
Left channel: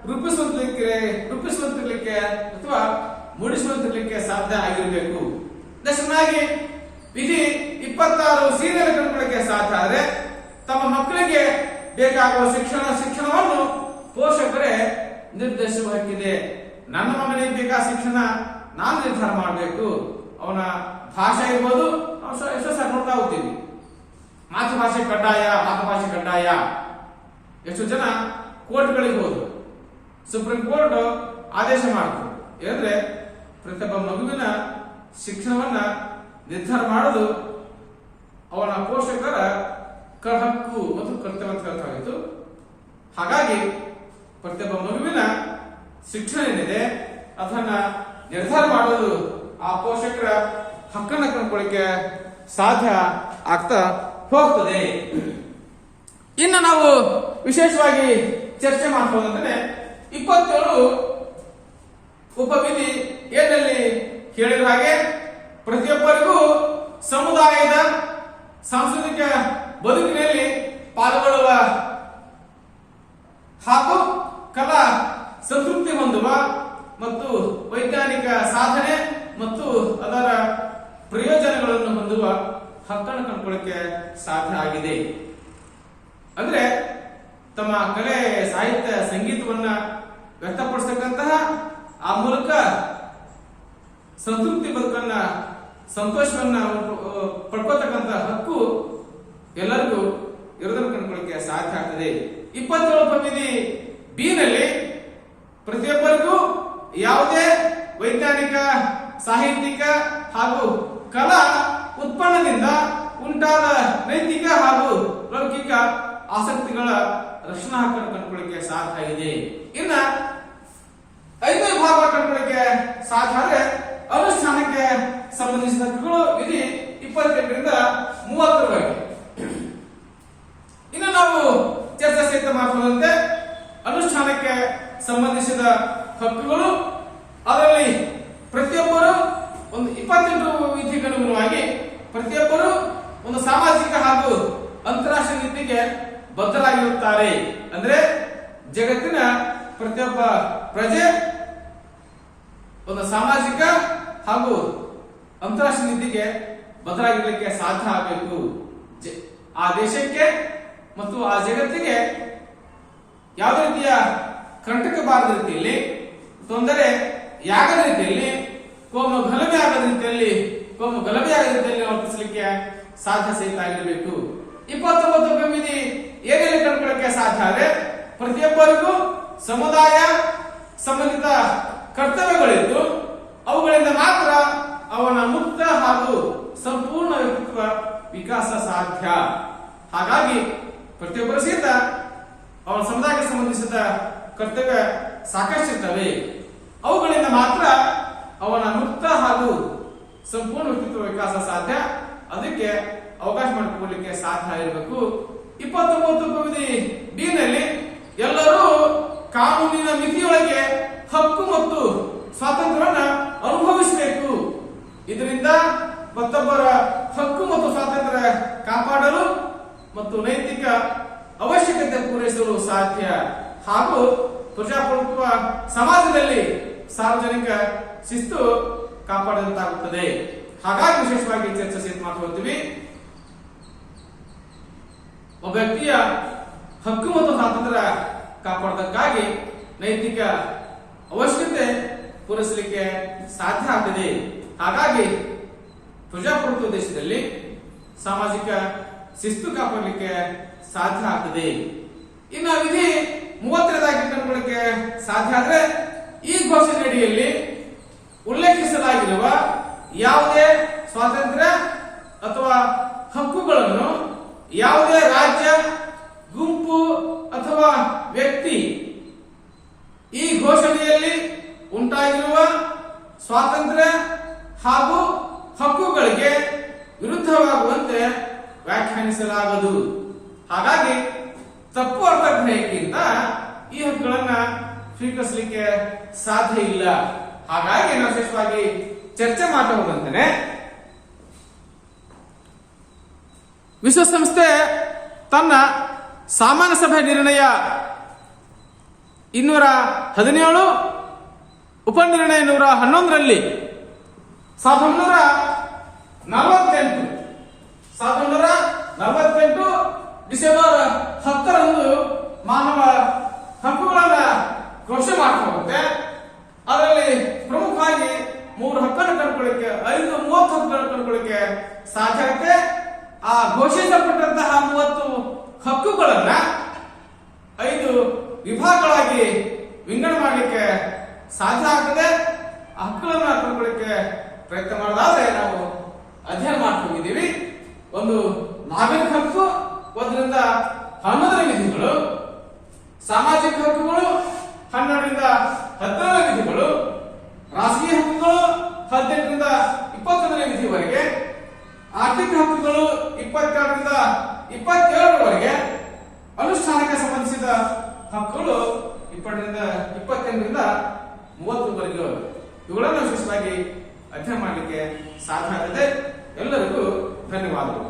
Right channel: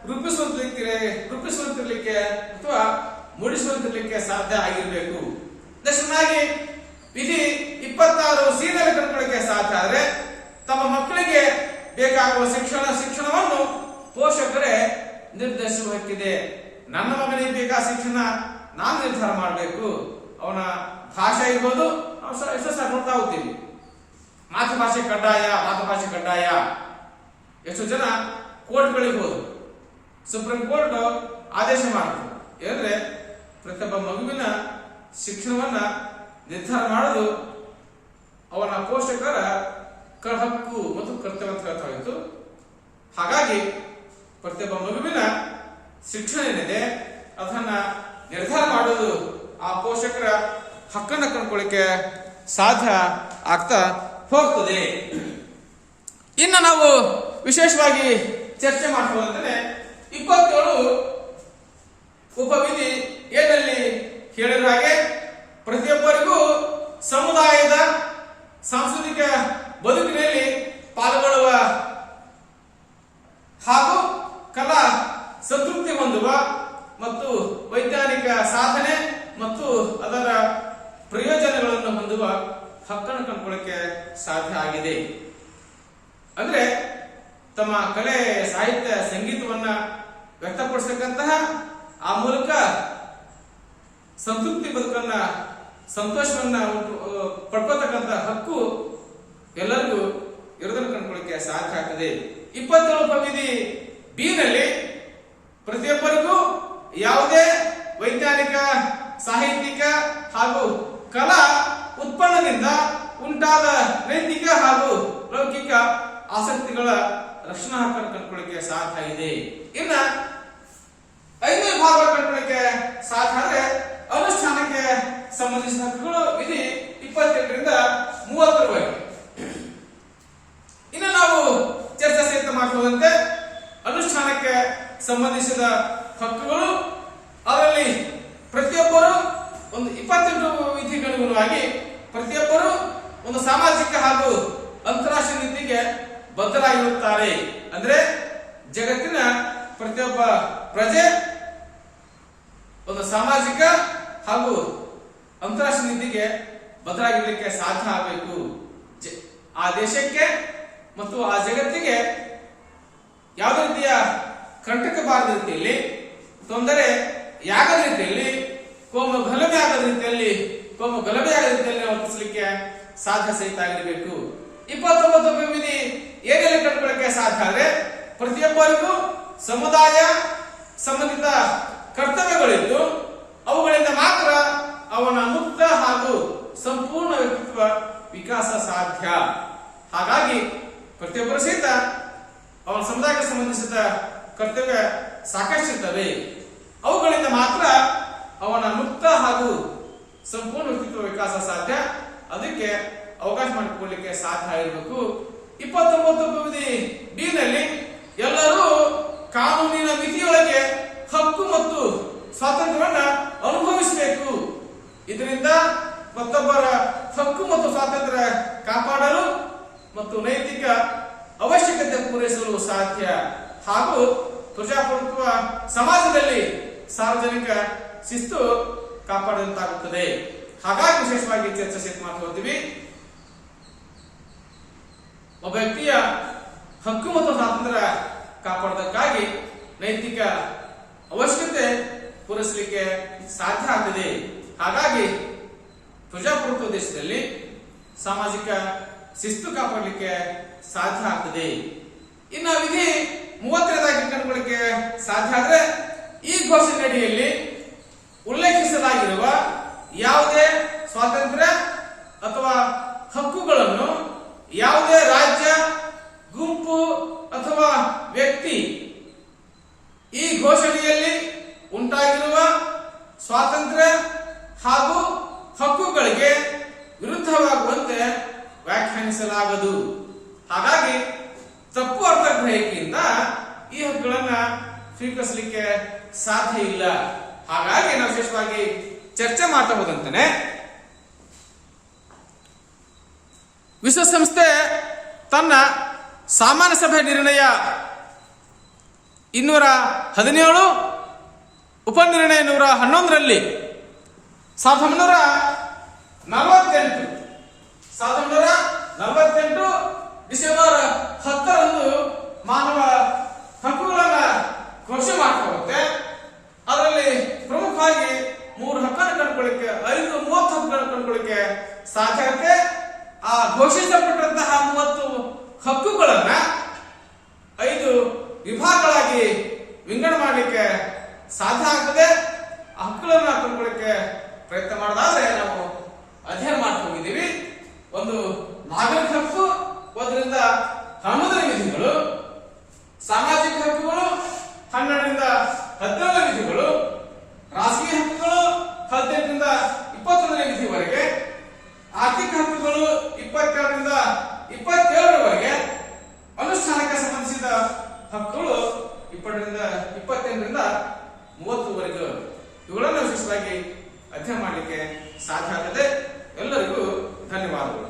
ರೂಪಿಸುವಂತಿರ್ಲಿಕ್ಕೆ ಅಥವಾ ಮೂಡಿಸುವಂತಿರ್ಲಿಕ್ಕೆ ಸಾಧ್ಯ ಆಗಿರಬೇಕು. ದಶನಾಗಿ ವಿಧಿ 26 ಸೀರಿಯಲ್ ಕಂಡುಕೊಳ್ಳಕ್ಕೆ ಸಾಧ್ಯ ಆದರೆ ತಮ್ಮ ಮಕ್ಕಳಿಗೆ ಬೇಕಾಗುವ ಶಿಕ್ಷಣವನ್ನು ಪೋಷಕರೇ ನಿರ್ದೇಶಿಸುವ ಹಕ್ಕಿದೆ. ನನ್ನ ಮಗನಿಗೆ ಬೇಕಾದ ಶಿಕ್ಷಣ ನಾನು ನಿರ್ಧಾರ ಮಾಡಬೇಕು. ಅವನ ಭಾಷೆ ಇರ್ಬೋದು, ಎಷ್ಟೋ ಸಹ ನೋಡ್ತಾ ಹೋಗ್ತೀವಿ, ಮಾತೃಭಾಷೆ ಕಡ್ಡಾಯ. ಎಷ್ಟು ಜನ ಕೋರ್ಟ್ಗಳಿಗೆ ಹೋದ್ರು, ಸುಪ್ರೀಂ ಕೋರ್ಟ್ ಆದೇಶ ಮಾಡಿತು ಏನಂದ್ರೆ ಪ್ರತಿಯೊಬ್ಬ ಮಗುವಿನ ಶಿಕ್ಷಣವನ್ನ ನಿರ್ಧಾರ ಮಾಡೋದು ಅವನ ಪೋಷಕರ ಹಕ್ಕು ಮತ್ತು ಕರ್ತವ್ಯ ಅಂತ ಹೇಳ್ತಾ ಇತ್ತು. ಹಾಗಾಗಿ ಪ್ರತಿಯೊಬ್ಬ ಮಗುವಿನ ಶಿಕ್ಷಣ ಏನಿದೆ ಅದನ್ನ ನಿರ್ಧಾರ ಮಾಡೋದು ಆ ಪೋಷಕರ ಹಕ್ಕನ್ನು ಕಂಡುಕೊಳ್ಳಕ್ಕೆ ಸಾಧ್ಯ ಆಗ್ತಾ ಹೋಗ್ತದೆ. ಇನ್ನು ನಾವು ವಿಶೇಷವಾಗಿ ಚರ್ಚೆ ಮಾಡಬಹುದಂದ್ರೆ 27 ಉಪವಿಧಿ ಏನಲ್ಲಿ ಹೇಳಿದ ಹಾಗೆ ಪ್ರತಿಯೊಬ್ಬರಿಗೂ ಸಮುದಾಯದ ಸಾಂಸ್ಕೃತಿಕ ಬದುಕಿನಲ್ಲಿ ಪಾಲ್ಗೊಳ್ಳುವ ಹಾಗೂ ಕಲಾ ಸಂತೃಪ್ತಿ ಹೊಂದುವ ಮತ್ತು ವೈಜ್ಞಾನಿಕ ಸಾಧನೆ ಮತ್ತು ಅದರ ಪ್ರಯೋಜನಗಳನ್ನು ಹೊಂದುವ ಹಕ್ಕನ್ನು ಕಂಡುಕೊಳ್ಳಕ್ಕೆ ಸಾಧ್ಯ ಆಗಿದೆ. ಅಂದ್ರೆ ತಮ್ಮ ಕಲೆ, ಸಾಹಿತ್ಯ, ಸಂಗೀತವನ್ನ ವ್ಯಕ್ತಪಡಿಸತಕ್ಕಂತಹ ಆ ಮೂಲಕ ಸಂತೃಪ್ತಿ ಬದುಕನ್ನ, ಸಂತೋಷವನ್ನ ಪಡ್ಕೋತಕ್ಕಂಥ ಹಕ್ಕು ಎಲ್ಲರಿಗೂ ಇರೋದನ್ನು ಕಂಡುಕೊಳ್ಳಕ್ಕೆ ಸಾಧ್ಯ ಆಗ್ತದೆ. 27 ಉಪವಿಧಿ ಬಿ ನಲ್ಲಿ ಪ್ರತಿಯೊಬ್ಬರಿಗೂ ಯಾವುದೇ ವೈಜ್ಞಾನಿಕ, ಸಾಹಿತ್ಯಿಕ ಹಾಗೂ ಕಲಾ ಉತ್ಪನ್ನದಿಂದ ಉಂಟಾದ ನೈತಿಕ ಹಾಗೂ ಲೌಕಿಕ ಆಸಕ್ತಿಗಳ ರಕ್ಷಣಾ ಹಕ್ಕನ್ನು ಕಂಡುಕೊಳ್ಳಿಕ್ಕೆ ಸಾಧ್ಯ ಇದೆ. ಇನ್ನ 5ನೇ ಭಾಗ ಕಂಡುಕೊಳ್ಳಿಕ್ಕೆ ಸಾಧ್ಯ ಆದರೆ ಅನುಷ್ಠಾನಕ್ಕೆ ಸಂಬಂಧಿಸಿದ ಹಕ್ಕುಗಳು ವಿಧಿ 28ರಿಂದ 30ರವರೆಗೆ. ಇನ್ನು ನಾವು ಚರ್ಚೆ ಸಹಿತ ಮಾಡಬಹುದಂತೆ ಅನುಷ್ಠಾನಕ್ಕೆ ಸಂಬಂಧಿಸಿದ ಹಕ್ಕುಗಳು, ಅದರಲ್ಲಿ ಪ್ರತಿಯೊಬ್ಬರು ಒಂದು 28 ವಿಧಿಗನುಗುಣವಾಗಿ ಪ್ರತಿಯೊಬ್ಬರು ಒಂದು ಸಾಮಾಜಿಕ ಹಾಗೂ ಅಂತಾರಾಷ್ಟ್ರೀಯ ನೀತಿಗೆ ಬದ್ಧರಾಗಿರುತ್ತಾರೆ. ಅಂದ್ರೆ ಜಗತ್ತಿನ ಪ್ರತಿಯೊಬ್ಬ ಪ್ರಜೆ ಒಂದು ಸಾಮಾಜಿಕ ಹಾಗೂ ಅಂತಾರಾಷ್ಟ್ರೀಯ ನೀತಿಗೆ ಬದ್ಧರಾಗಿರಲಿಕ್ಕೆ ಸಾಧ್ಯ ಆಗಬೇಕು. ಆ ದೇಶಕ್ಕೆ ಮತ್ತು ಆ ಜಗತ್ತಿಗೆ ಯಾವುದೇ ರೀತಿಯ ಕಂಟಕ ಬಾರದ ರೀತಿಯಲ್ಲಿ, ತೊಂದರೆ ಯಾಗದ ರೀತಿಯಲ್ಲಿ, ಕೋಮು ಗಲಭೆ ಆಗದ ರೀತಿಯಲ್ಲಿ ವರ್ತಿಸಲಿಕ್ಕೆ ಸಾಧ್ಯ ಸಹಿತ ಆಗಿರಬೇಕು. 29 ಉಪವಿಧಿ ಏನೆಲ್ಲ ಕಂಡುಕೊಳ್ಳಕ್ಕೆ ಸಾಧ್ಯ ಆದರೆ ಪ್ರತಿಯೊಬ್ಬರಿಗೂ ಸಮುದಾಯ ಸಂಬಂಧಿತ ಕರ್ತವ್ಯಗಳಿದ್ದು ಅವುಗಳಿಂದ ಮಾತ್ರ ಅವನ ಮುಕ್ತ ಹಾಗೂ ಸಂಪೂರ್ಣ ವ್ಯಕ್ತಿತ್ವ ವಿಕಾಸ ಸಾಧ್ಯ. ಹಾಗಾಗಿ ಪ್ರತಿಯೊಬ್ಬರು ಸಹಿತ ಅವನ ಸಮುದಾಯಕ್ಕೆ ಸಂಬಂಧಿಸಿದ ಕರ್ತವ್ಯ ಸಾಕಷ್ಟಿರ್ತವೆ. ಅವುಗಳಿಂದ ಮಾತ್ರ ಅವನ ಮುಕ್ತ ಹಾಗೂ ಸಂಪೂರ್ಣ ವ್ಯಕ್ತಿತ್ವ ವಿಕಾಸ ಸಾಧ್ಯ. ಅದಕ್ಕೆ ಅವಕಾಶ ಮಾಡಿಕೊಡ್ಲಿಕ್ಕೆ ಸಾಧ್ಯ ಆಗಿರಬೇಕು. 29 ವಿಧಿ ಡಿ ನಲ್ಲಿ ಎಲ್ಲರೂ ಕಾನೂನಿನ ಮಿತಿಯೊಳಗೆ ಹಕ್ಕು ಮತ್ತು ಸ್ವಾತಂತ್ರ್ಯವನ್ನ ಅನುಭವಿಸಬೇಕು. ಇದರಿಂದ ಮತ್ತೊಬ್ಬರ ಹಕ್ಕು ಮತ್ತು ಸ್ವಾತಂತ್ರ್ಯ ಕಾಪಾಡಲು ಮತ್ತು ನೈತಿಕ ಅವಶ್ಯಕತೆ ಪೂರೈಸಲು ಸಾಧ್ಯ. ಹಾಗೂ ಪ್ರಜಾಪ್ರಭುತ್ವ ಸಮಾಜದಲ್ಲಿ ಸಾರ್ವಜನಿಕ ಶಿಸ್ತು ಕಾಪಾಡಿದಂತಾಗುತ್ತದೆ. ಹಾಗಾಗಿ ವಿಶೇಷವಾಗಿ ಚರ್ಚಿಸಿ ಮಾತನಾಡ್ತೀವಿ. ಒಬ್ಬ ವ್ಯಕ್ತಿಯ ಹಕ್ಕು ಮತ್ತು ಸ್ವಾತಂತ್ರ್ಯ ಕಾಪಾಡೋದಕ್ಕಾಗಿ ನೈತಿಕ ಅವಶ್ಯಕತೆ ಪೂರೈಸಲಿಕ್ಕೆ ಸಾಧ್ಯ ಆಗ್ತದೆ. ಹಾಗಾಗಿ ಪ್ರಜಾಪ್ರಭುತ್ವ ದೇಶದಲ್ಲಿ ಸಾಮಾಜಿಕ ಶಿಸ್ತು ಕಾಪಾಡಲಿಕ್ಕೆ ಸಾಧ್ಯ ಆಗ್ತದೆ. ಇನ್ನು ವಿಧಿ 32 ಕಂಡುಕೊಳ್ಳಿಕ್ಕೆ ಸಾಧ್ಯ ಆದ್ರೆ ಈ ಘೋಷಣೆ ಅಡಿಯಲ್ಲಿ ಉಲ್ಲೇಖಿಸಲಾಗಿರುವ ಯಾವುದೇ ಸ್ವಾತಂತ್ರ್ಯ ಅಥವಾ ಹಕ್ಕುಗಳನ್ನು ಯಾವುದೇ ರಾಜ್ಯ, ಗುಂಪು ಅಥವಾ ವ್ಯಕ್ತಿ ಈ ಘೋಷಣೆಯಲ್ಲಿ ಉಂಟಾಗಿರುವ ಸ್ವಾತಂತ್ರ್ಯ ಹಾಗೂ ಹಕ್ಕುಗಳಿಗೆ ವಿರುದ್ಧವಾಗುವಂತೆ ವ್ಯಾಖ್ಯಾನಿಸಲಾಗದು. ಹಾಗಾಗಿ ತಪ್ಪು ಅರ್ಥಗ್ರಹಿಕೆಯಿಂದ ಈ ಹಕ್ಕುಗಳನ್ನ ಸ್ವೀಕರಿಸಲಿಕ್ಕೆ ಸಾಧ್ಯ ಇಲ್ಲ. ಹಾಗಾಗಿ ನಾವು ವಿಶೇಷವಾಗಿ ಚರ್ಚೆ ಮಾಡ್ತಾ ಹೋದಂತೆ ವಿಶ್ವಸಂಸ್ಥೆ ತನ್ನ ಸಾಮಾನ್ಯ ಸಭೆ ನಿರ್ಣಯ 217 ಉಪನಿರ್ಣಯ 111ರಲ್ಲಿ 1948 ಡಿಸೆಂಬರ್ 10ರಂದು ಮಾನವ ಹಕ್ಕುಗಳನ್ನ ಘೋಷಣೆ ಮಾಡ್ತಾ ಹೋಗುತ್ತೆ. ಅದರಲ್ಲಿ ಪ್ರಮುಖವಾಗಿ 3 ಹಕ್ಕನ್ನು ಕಂಡುಕೊಳ್ಳಿಕ್ಕೆ 30 ಹಕ್ಕುಗಳನ್ನು ಕಂಡುಕೊಳ್ಳಿಕ್ಕೆ ಸಾಧ್ಯ ಆಗುತ್ತೆ. ಆ ಘೋಷಿಸಲ್ಪಟ್ಟಂತಹ 30 ಹಕ್ಕುಗಳನ್ನ 5 ವಿಭಾಗಗಳಾಗಿ ವಿಂಗಡಣೆ ಮಾಡಲಿಕ್ಕೆ ಸಾಧ್ಯ ಆಗ್ತದೆ. ಆ ಹಕ್ಕುಗಳನ್ನ ಕಂಡುಕೊಳ್ಳಿಕ್ಕೆ ಪ್ರಯತ್ನ ಮಾಡೋದಾದ್ರೆ ನಾವು ಅಧ್ಯಯನ ಮಾಡ್ಕೊಂಡಿದ್ದೀವಿ. ಒಂದು ನಾಗರಿಕ ಹಕ್ಕು, 1ರಿಂದ 11ನೇ ವಿಧಿಗಳು, ಸಾಮಾಜಿಕ ಹಕ್ಕುಗಳು 12ರಿಂದ 17ನೇ ವಿಧಿಗಳು, ರಾಷ್ಟ್ರೀಯ ಹಕ್ಕುಗಳು 18ರಿಂದ 21ನೇ ವಿಧಿವರೆಗೆ, ಆರ್ಥಿಕ ಹಕ್ಕುಗಳು 22ರಿಂದ 27ರವರೆಗೆ, ಅನುಷ್ಠಾನಕ್ಕೆ ಸಂಬಂಧಿಸಿದ ಹಕ್ಕುಗಳು 28ರಿಂದ 30ವರೆಗೂ. ಇವುಗಳನ್ನು ವಿಶೇಷವಾಗಿ ಅಧ್ಯಯನ ಮಾಡಲಿಕ್ಕೆ ಸಾಧ್ಯ ಆಗುತ್ತದೆ. ಎಲ್ಲರಿಗೂ ಧನ್ಯವಾದಗಳು.